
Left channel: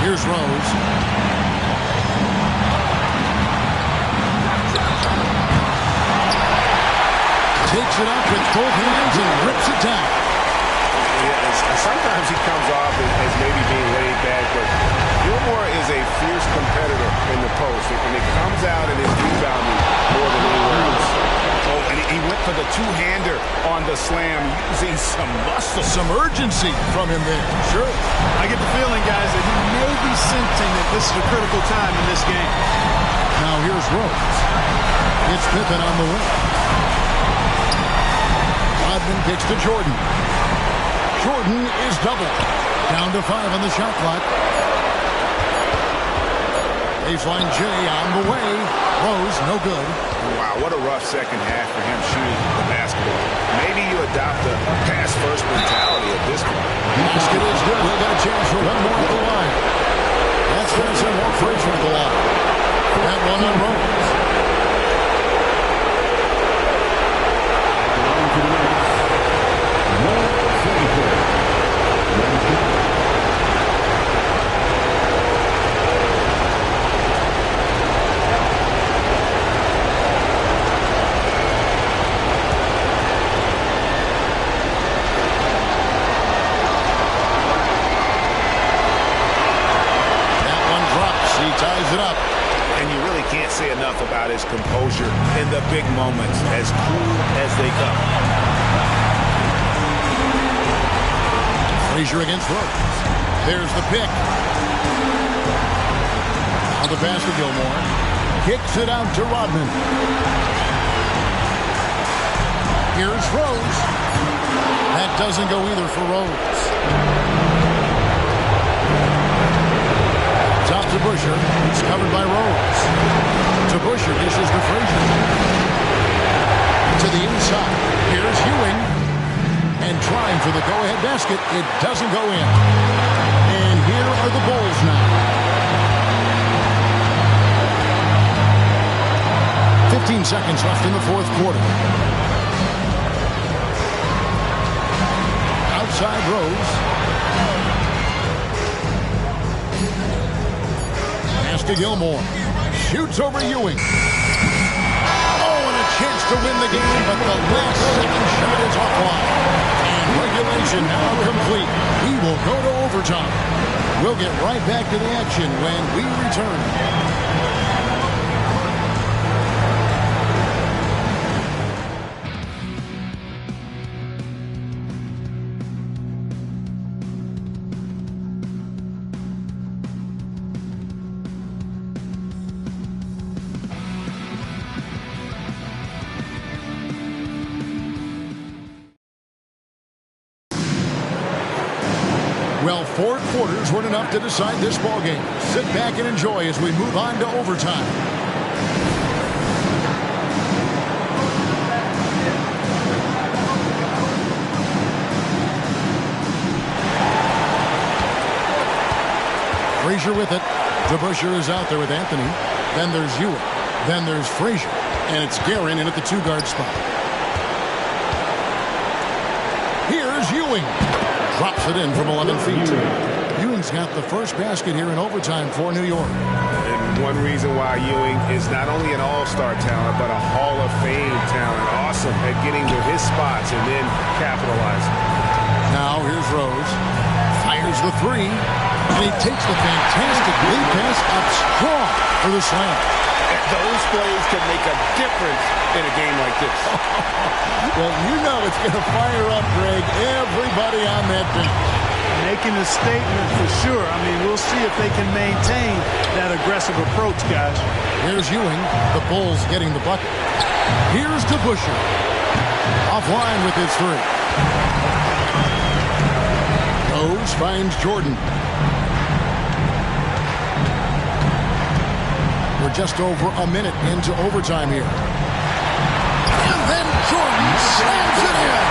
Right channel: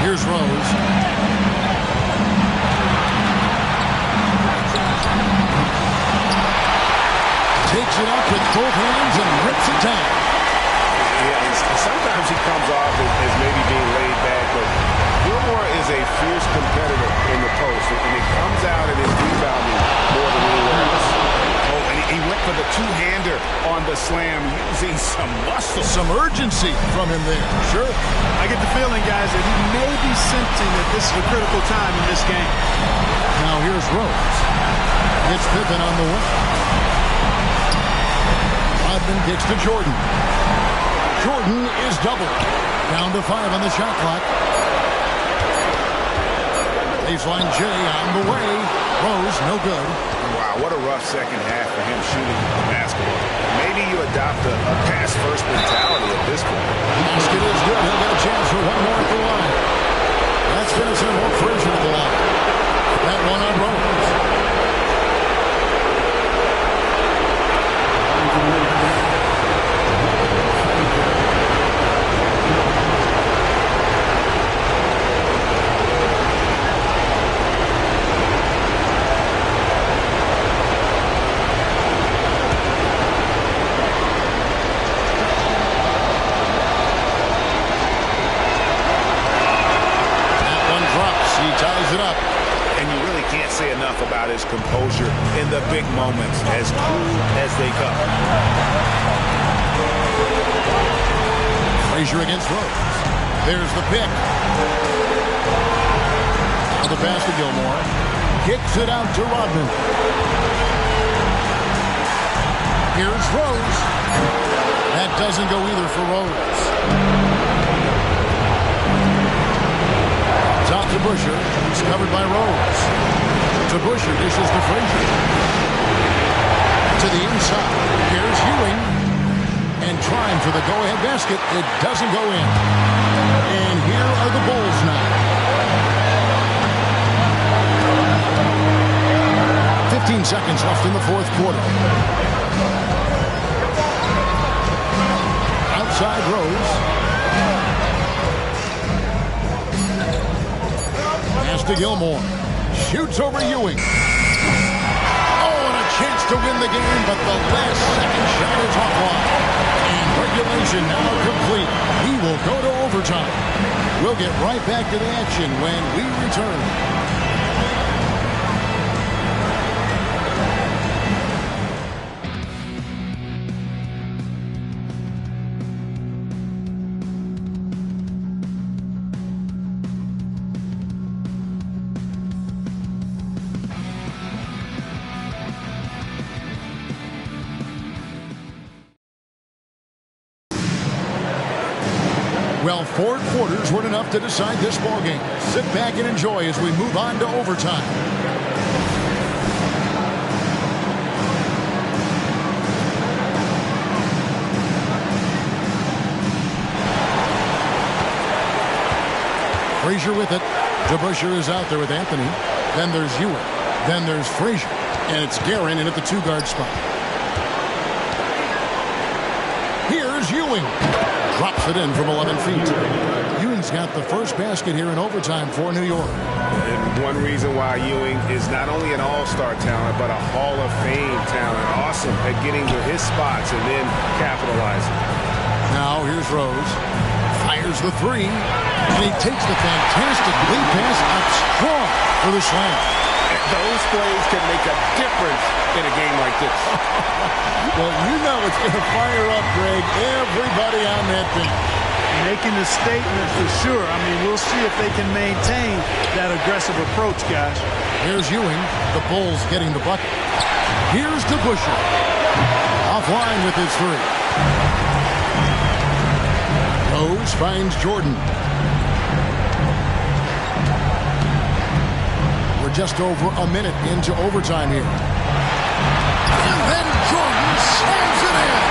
Here's Rose. Takes it up with both hands and rips it down. Yeah, and sometimes he comes off as maybe being laid back, but Gilmore is a fierce competitor in the post, and it comes out in his rebounding more than anywhere else. Oh, and he went for the two-hander on the slam, using some muscle. Some urgency from him there. Sure. I get the feeling, guys, that he may be sensing that this is a critical time in this game. Now here's Rose. It's Pippen on the wing. Rodman kicks to Jordan. Jordan is doubled. Down to 5 on the shot clock. Baseline J on the way. Rose, no good. Wow, what a rough second half for him shooting the basketball. Maybe you adopt a pass-first mentality at this point. Basket is good. He'll get a chance for one more at the line. That's going to send more Frazier to the line. That one on Rose. He ties it up. And you really can't say enough about his composure in the big moments, as cool as they come. Frazier against Rose. There's the pick. Now the pass to Gilmore. Kicks it out to Rodman. Here's Rose. That doesn't go either for Rose. Out to Busher. He's covered by Rose. To Busher. Dishes to Frazier. To the inside. Here's Ewing. And trying for the go-ahead basket. It doesn't go in. And here are the Bulls now. 15 seconds left in the 4th quarter. Outside Rose. To Gilmore. Shoots over Ewing. Oh, and a chance to win the game, but the last second shot is offline. And regulation now complete. We will go to overtime. We'll get right back to the action when we return. Well, 4 quarters weren't enough to decide this ballgame. Sit back and enjoy as we move on to overtime. Frazier with it. DeBusschere is out there with Anthony. Then there's Ewing. Then there's Frazier. And it's Guerin in at the 2-guard spot. Here's Ewing. Drops it in from 11 feet. Ewing's got the first basket here in overtime for New York. And one reason why Ewing is not only an all-star talent, but a Hall of Fame talent. Awesome at getting to his spots and then capitalizing. Now here's Rose. Fires the 3. And he takes the fantastic lead pass up strong for the slam. Those plays can make a difference in a game like this. Well, you know it's going to fire up, Greg, everybody on that bench. Making a statement for sure. I mean, we'll see if they can maintain that aggressive approach, guys. Here's Ewing. The Bulls getting the bucket. Here's to Busher. Offline with his three. Rose finds Jordan. We're just over a minute into overtime here. And then Jordan slams it in.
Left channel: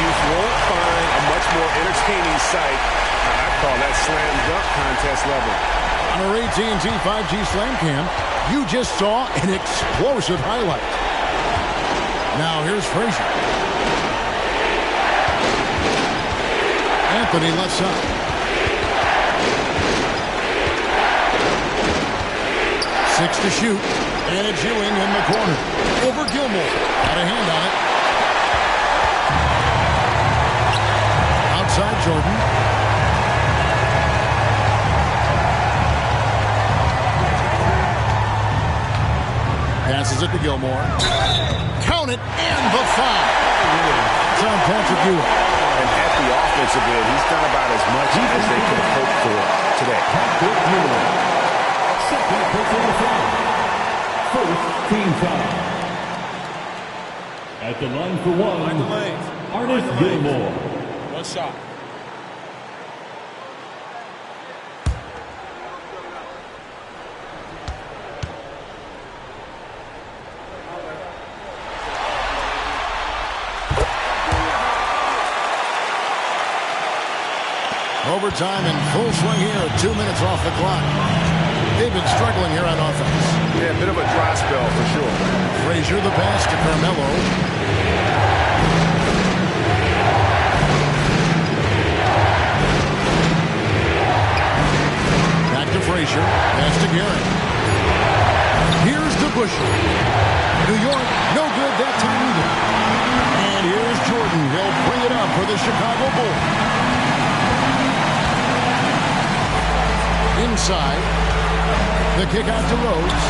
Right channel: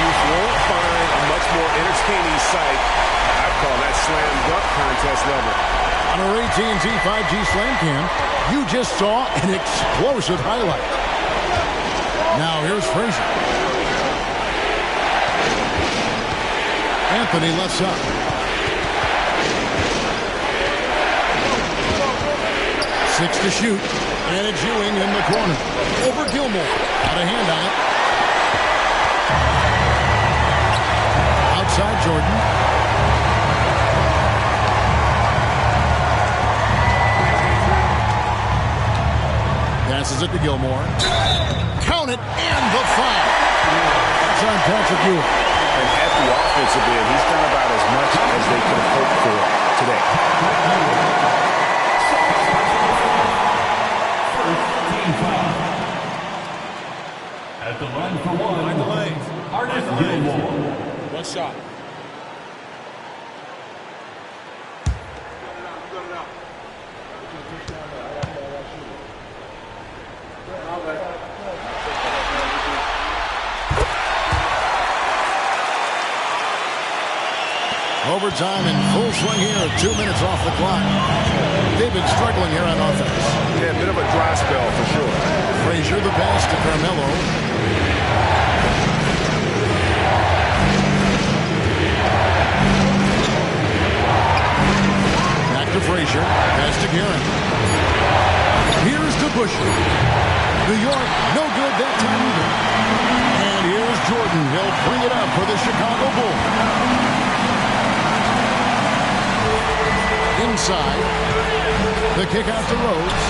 You won't find a much more entertaining sight. I'd call that slam dunk contest level. On our AT&T 5G Slam Cam, you just saw an explosive highlight. Now here's Frazier. Anthony left side. 6 to shoot. And it's Ewing in the corner. Over Gilmore. Got a hand on it. Outside Jordan. Passes it to Gilmore. Count it and the foul. It's on Patrick Ewing. And at the offensive end, he's done about as much as they could have hoped for today. Second personal foul. First team foul. At the line for one, Mind the lanes. Ernest Gilmore. One shot. Overtime in full swing here. 2 minutes off the clock. They've been struggling here on offense. Yeah, a bit of a dry spell for sure. Frazier the pass to Carmelo. Back to Frazier. Pass to Guerin. Here's to Busher. New York, no good that time either. And here's Jordan. He'll bring it up for the Chicago Bulls. Inside. The kick out to Rose.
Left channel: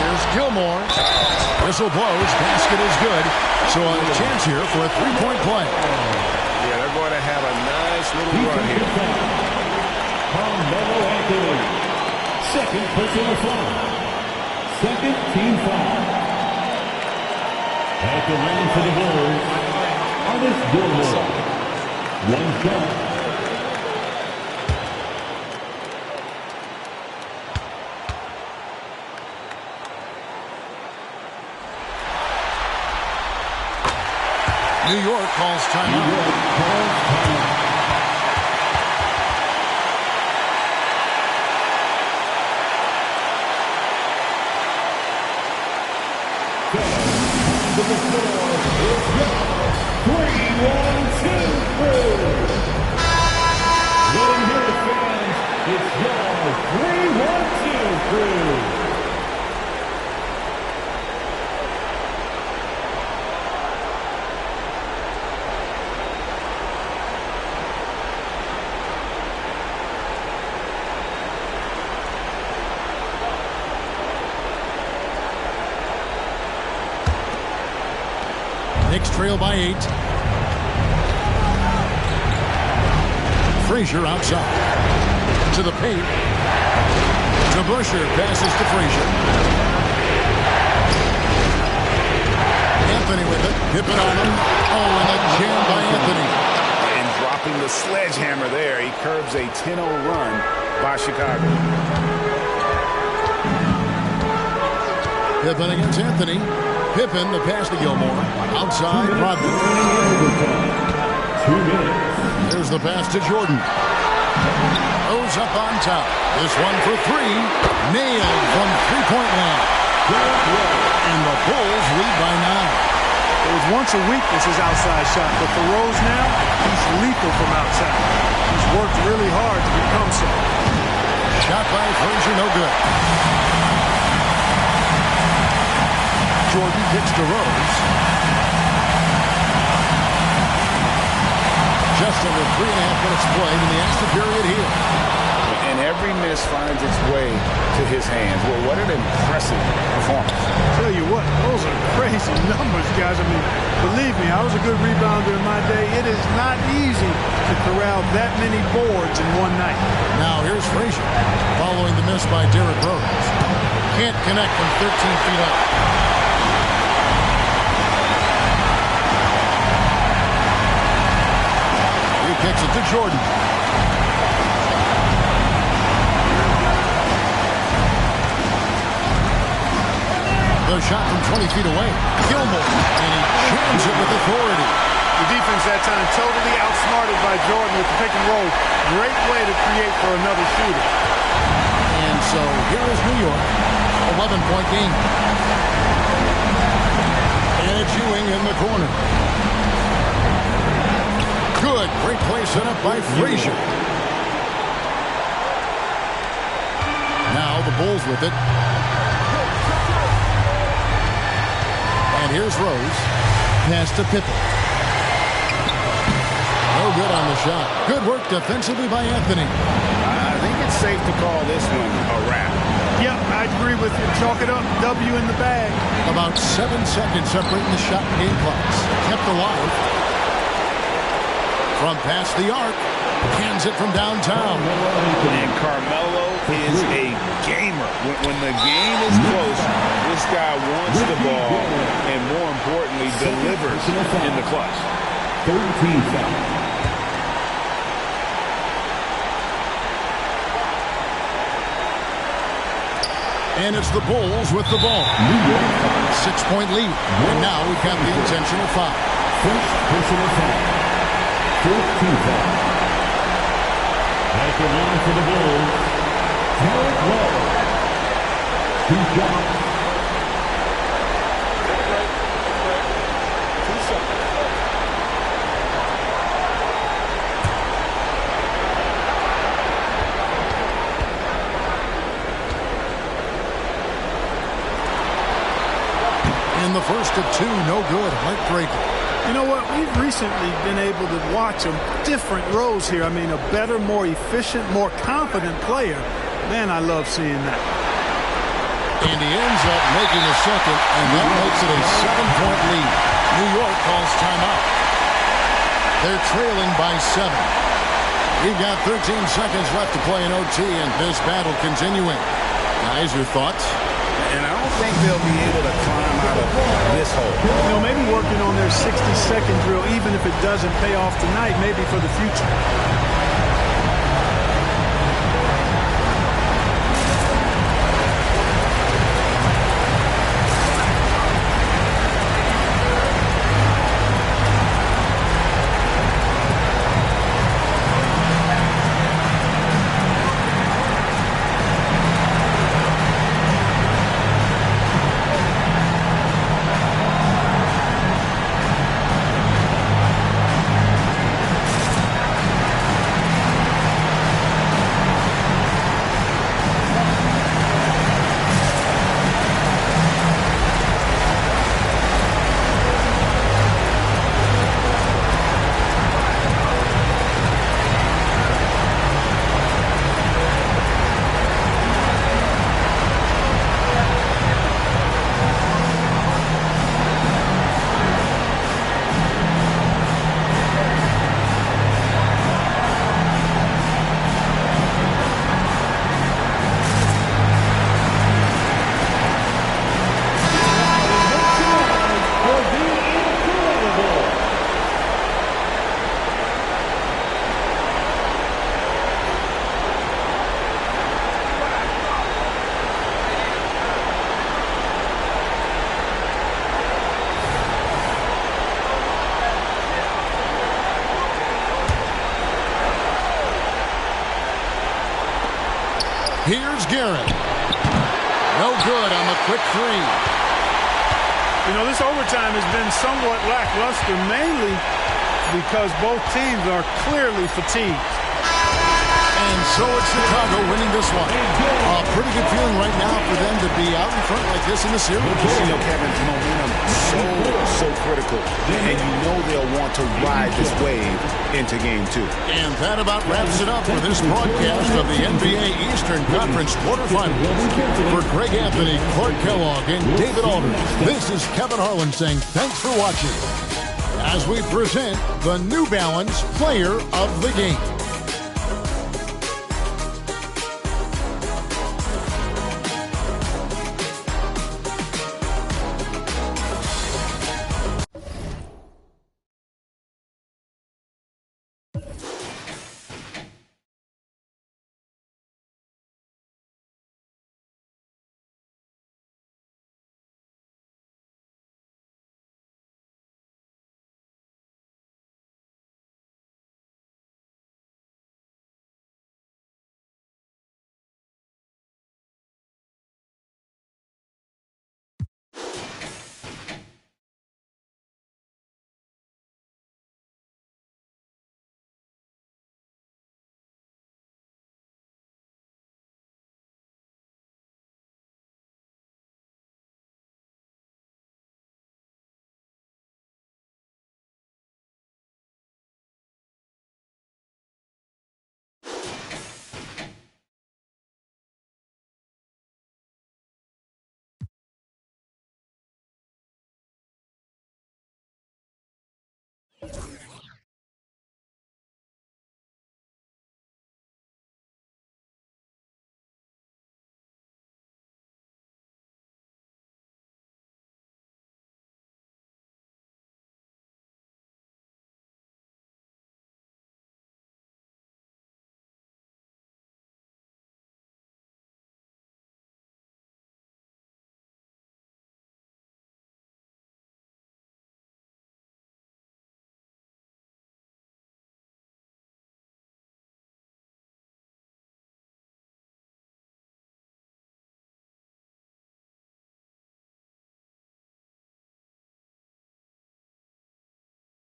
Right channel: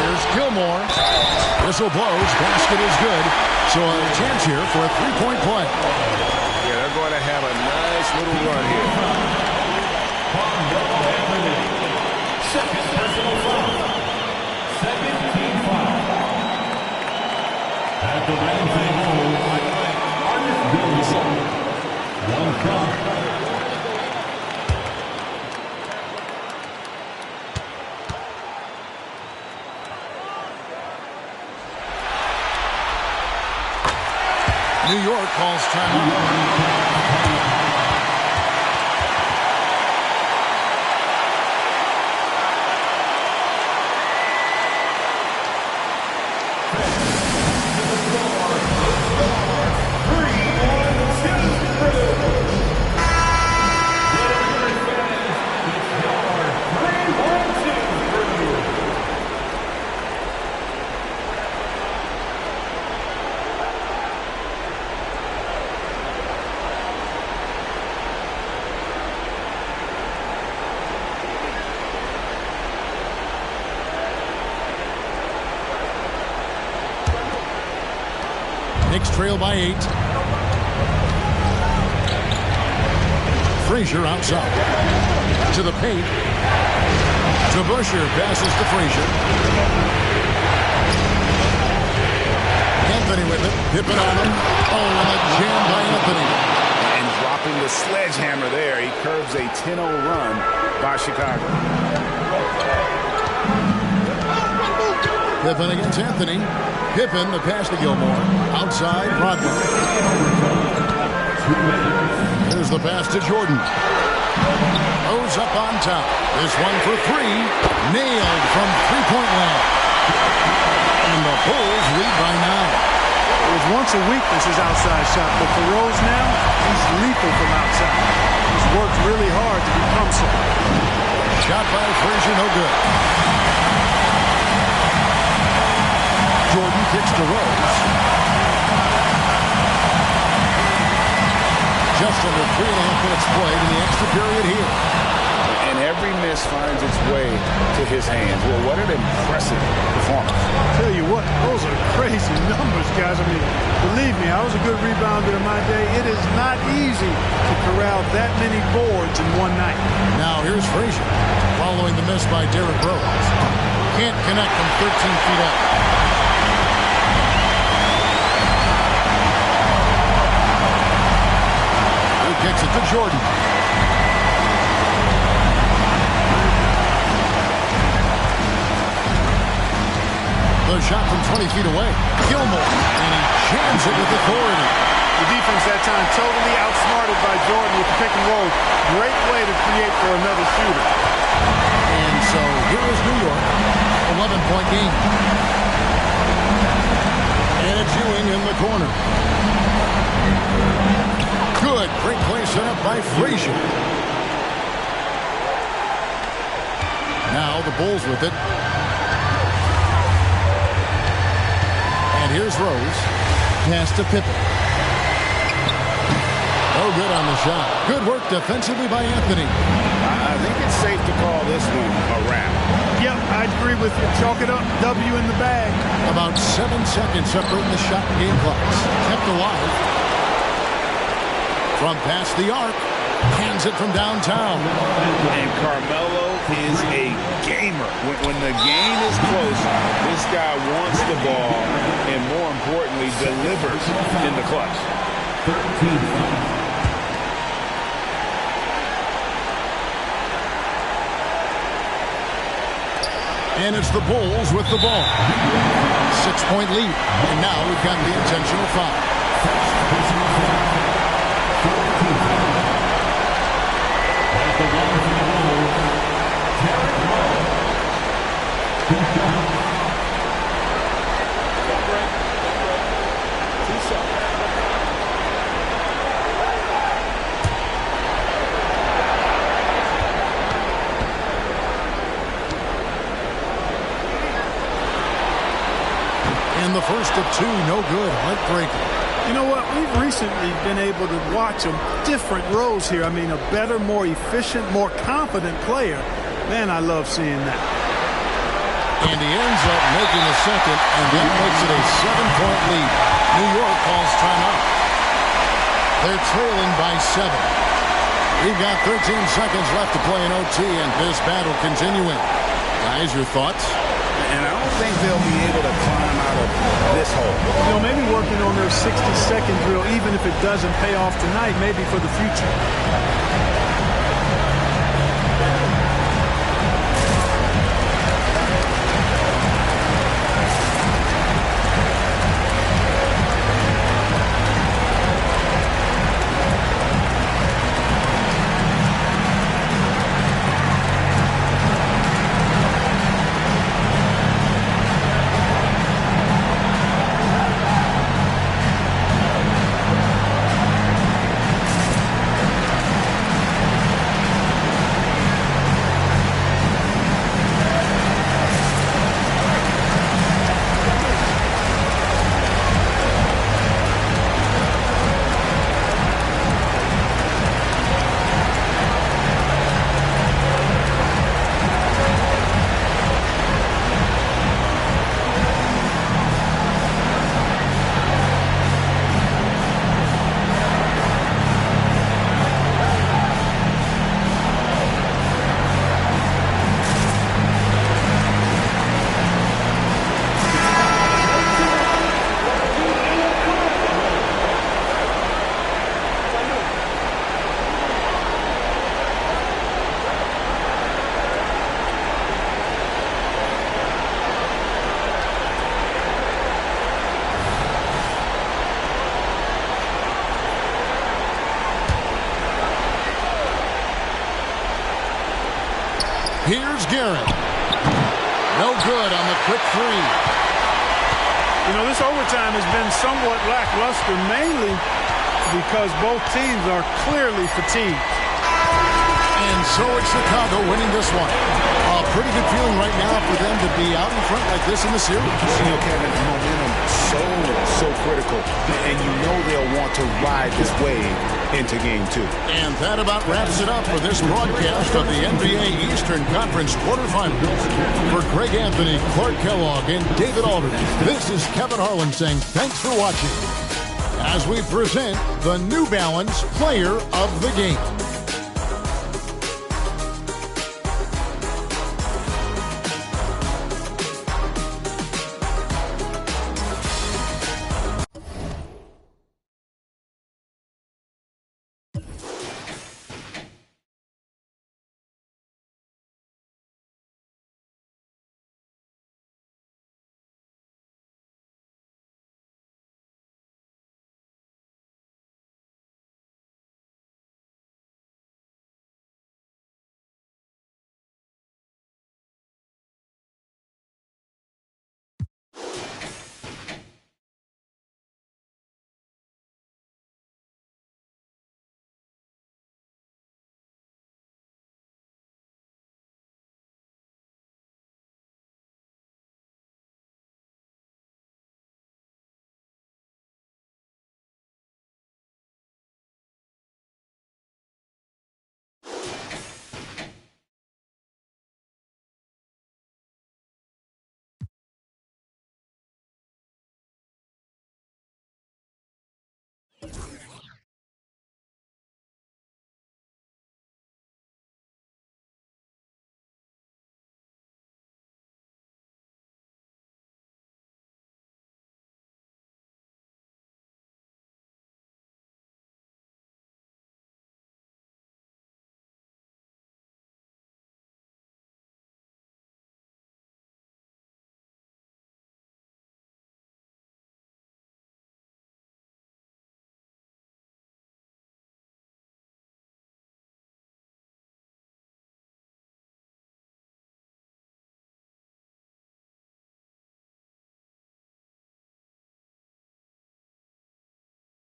Here's Gilmore. Whistle blows. Basket is good. So a chance here for a three-point play. Yeah, they're going to have a nice little run here. Carmelo Anthony. Second personal foul. Second team foul. At the line for the Bulls, Ernest Gilmore. One shot. New York calls timeout. Knicks trail by 8. Frazier outside. To the paint. To Busher. Passes to Frazier. Anthony with it. Pippen on him. Oh, and a jam by Anthony. And dropping the sledgehammer there. He curves a 10-0 run by Chicago. Pippen against Anthony. Pippen, the pass to Gilmore. Outside, Rodman. 2 minutes. Here's the pass to Jordan. Rose up on top. This one for three. Nailed from three-point land. And the Bulls lead by 9. It was once a weakness, his outside shot, but for Rose now, he's lethal from outside. He's worked really hard to become so. Shot by Frazier, no good. Jordan kicks to Rose. Just under 3.5 minutes played in the extra period here. And every miss finds its way to his hands. Well, what an impressive performance. Tell you what, those are crazy numbers, guys. I mean, believe me, I was a good rebounder in my day. It is not easy to corral that many boards in one night. Now here's Frazier, following the miss by Derrick Rose. Can't connect from 13 feet out. He kicks it to Jordan. The shot from 20 feet away. Gilmore, and he jams it with authority. The defense that time totally outsmarted by Jordan with the pick and roll. Great way to create for another shooter. And so here is New York, 11-point game. And it's Ewing in the corner. Good, great play set up by Frazier. Now the Bulls with it. And here's Rose. Pass to Pippen. No good on the shot. Good work defensively by Anthony. I think it's safe to call this one a wrap. Yep, I agree with you. Chalk it up. W in the bag. About 7 seconds separating the shot and game clocks. Kept alive. From past the arc. Hands it from downtown. And Carmelo is a gamer. When the game is close, this guy wants the ball and, more importantly, delivers in the clutch. 13 fouls. And it's the Bulls with the ball. 6-point lead. And now we've got the intentional foul. First personal foul. 14th foul. At the line for the Bulls, Derrick Rose. 2 shots. Take a break. Take a break. 2 shots. In the first of 2, no good. Heartbreaker. You know what? We've recently been able to watch a different Rose here. I mean, a better, more efficient, more confident player. Man, I love seeing that. And he ends up making the second, and that makes it a 7-point lead. New York calls timeout. They're trailing by 7. We've got 13 seconds left to play in OT, and this battle continuing. Guys, your thoughts? And I don't think they'll be able to climb out of this hole. You know, maybe working on their 60-second drill, even if it doesn't pay off tonight, maybe for the future. Here's Garrett. No good on the quick 3. You know, this overtime has been somewhat lackluster, mainly because both teams are clearly fatigued. And so it's Chicago winning this one. A pretty good feeling right now for them to be out in front like this in the series. You know, Kevin, momentum so critical. And you know they'll want to ride this wave into game 2. And that about wraps it up for this broadcast of the NBA Eastern Conference quarterfinals. For Greg Anthony, Clark Kellogg, and David Aldridge, this is Kevin Harlan saying thanks for watching as we present the New Balance Player of the Game.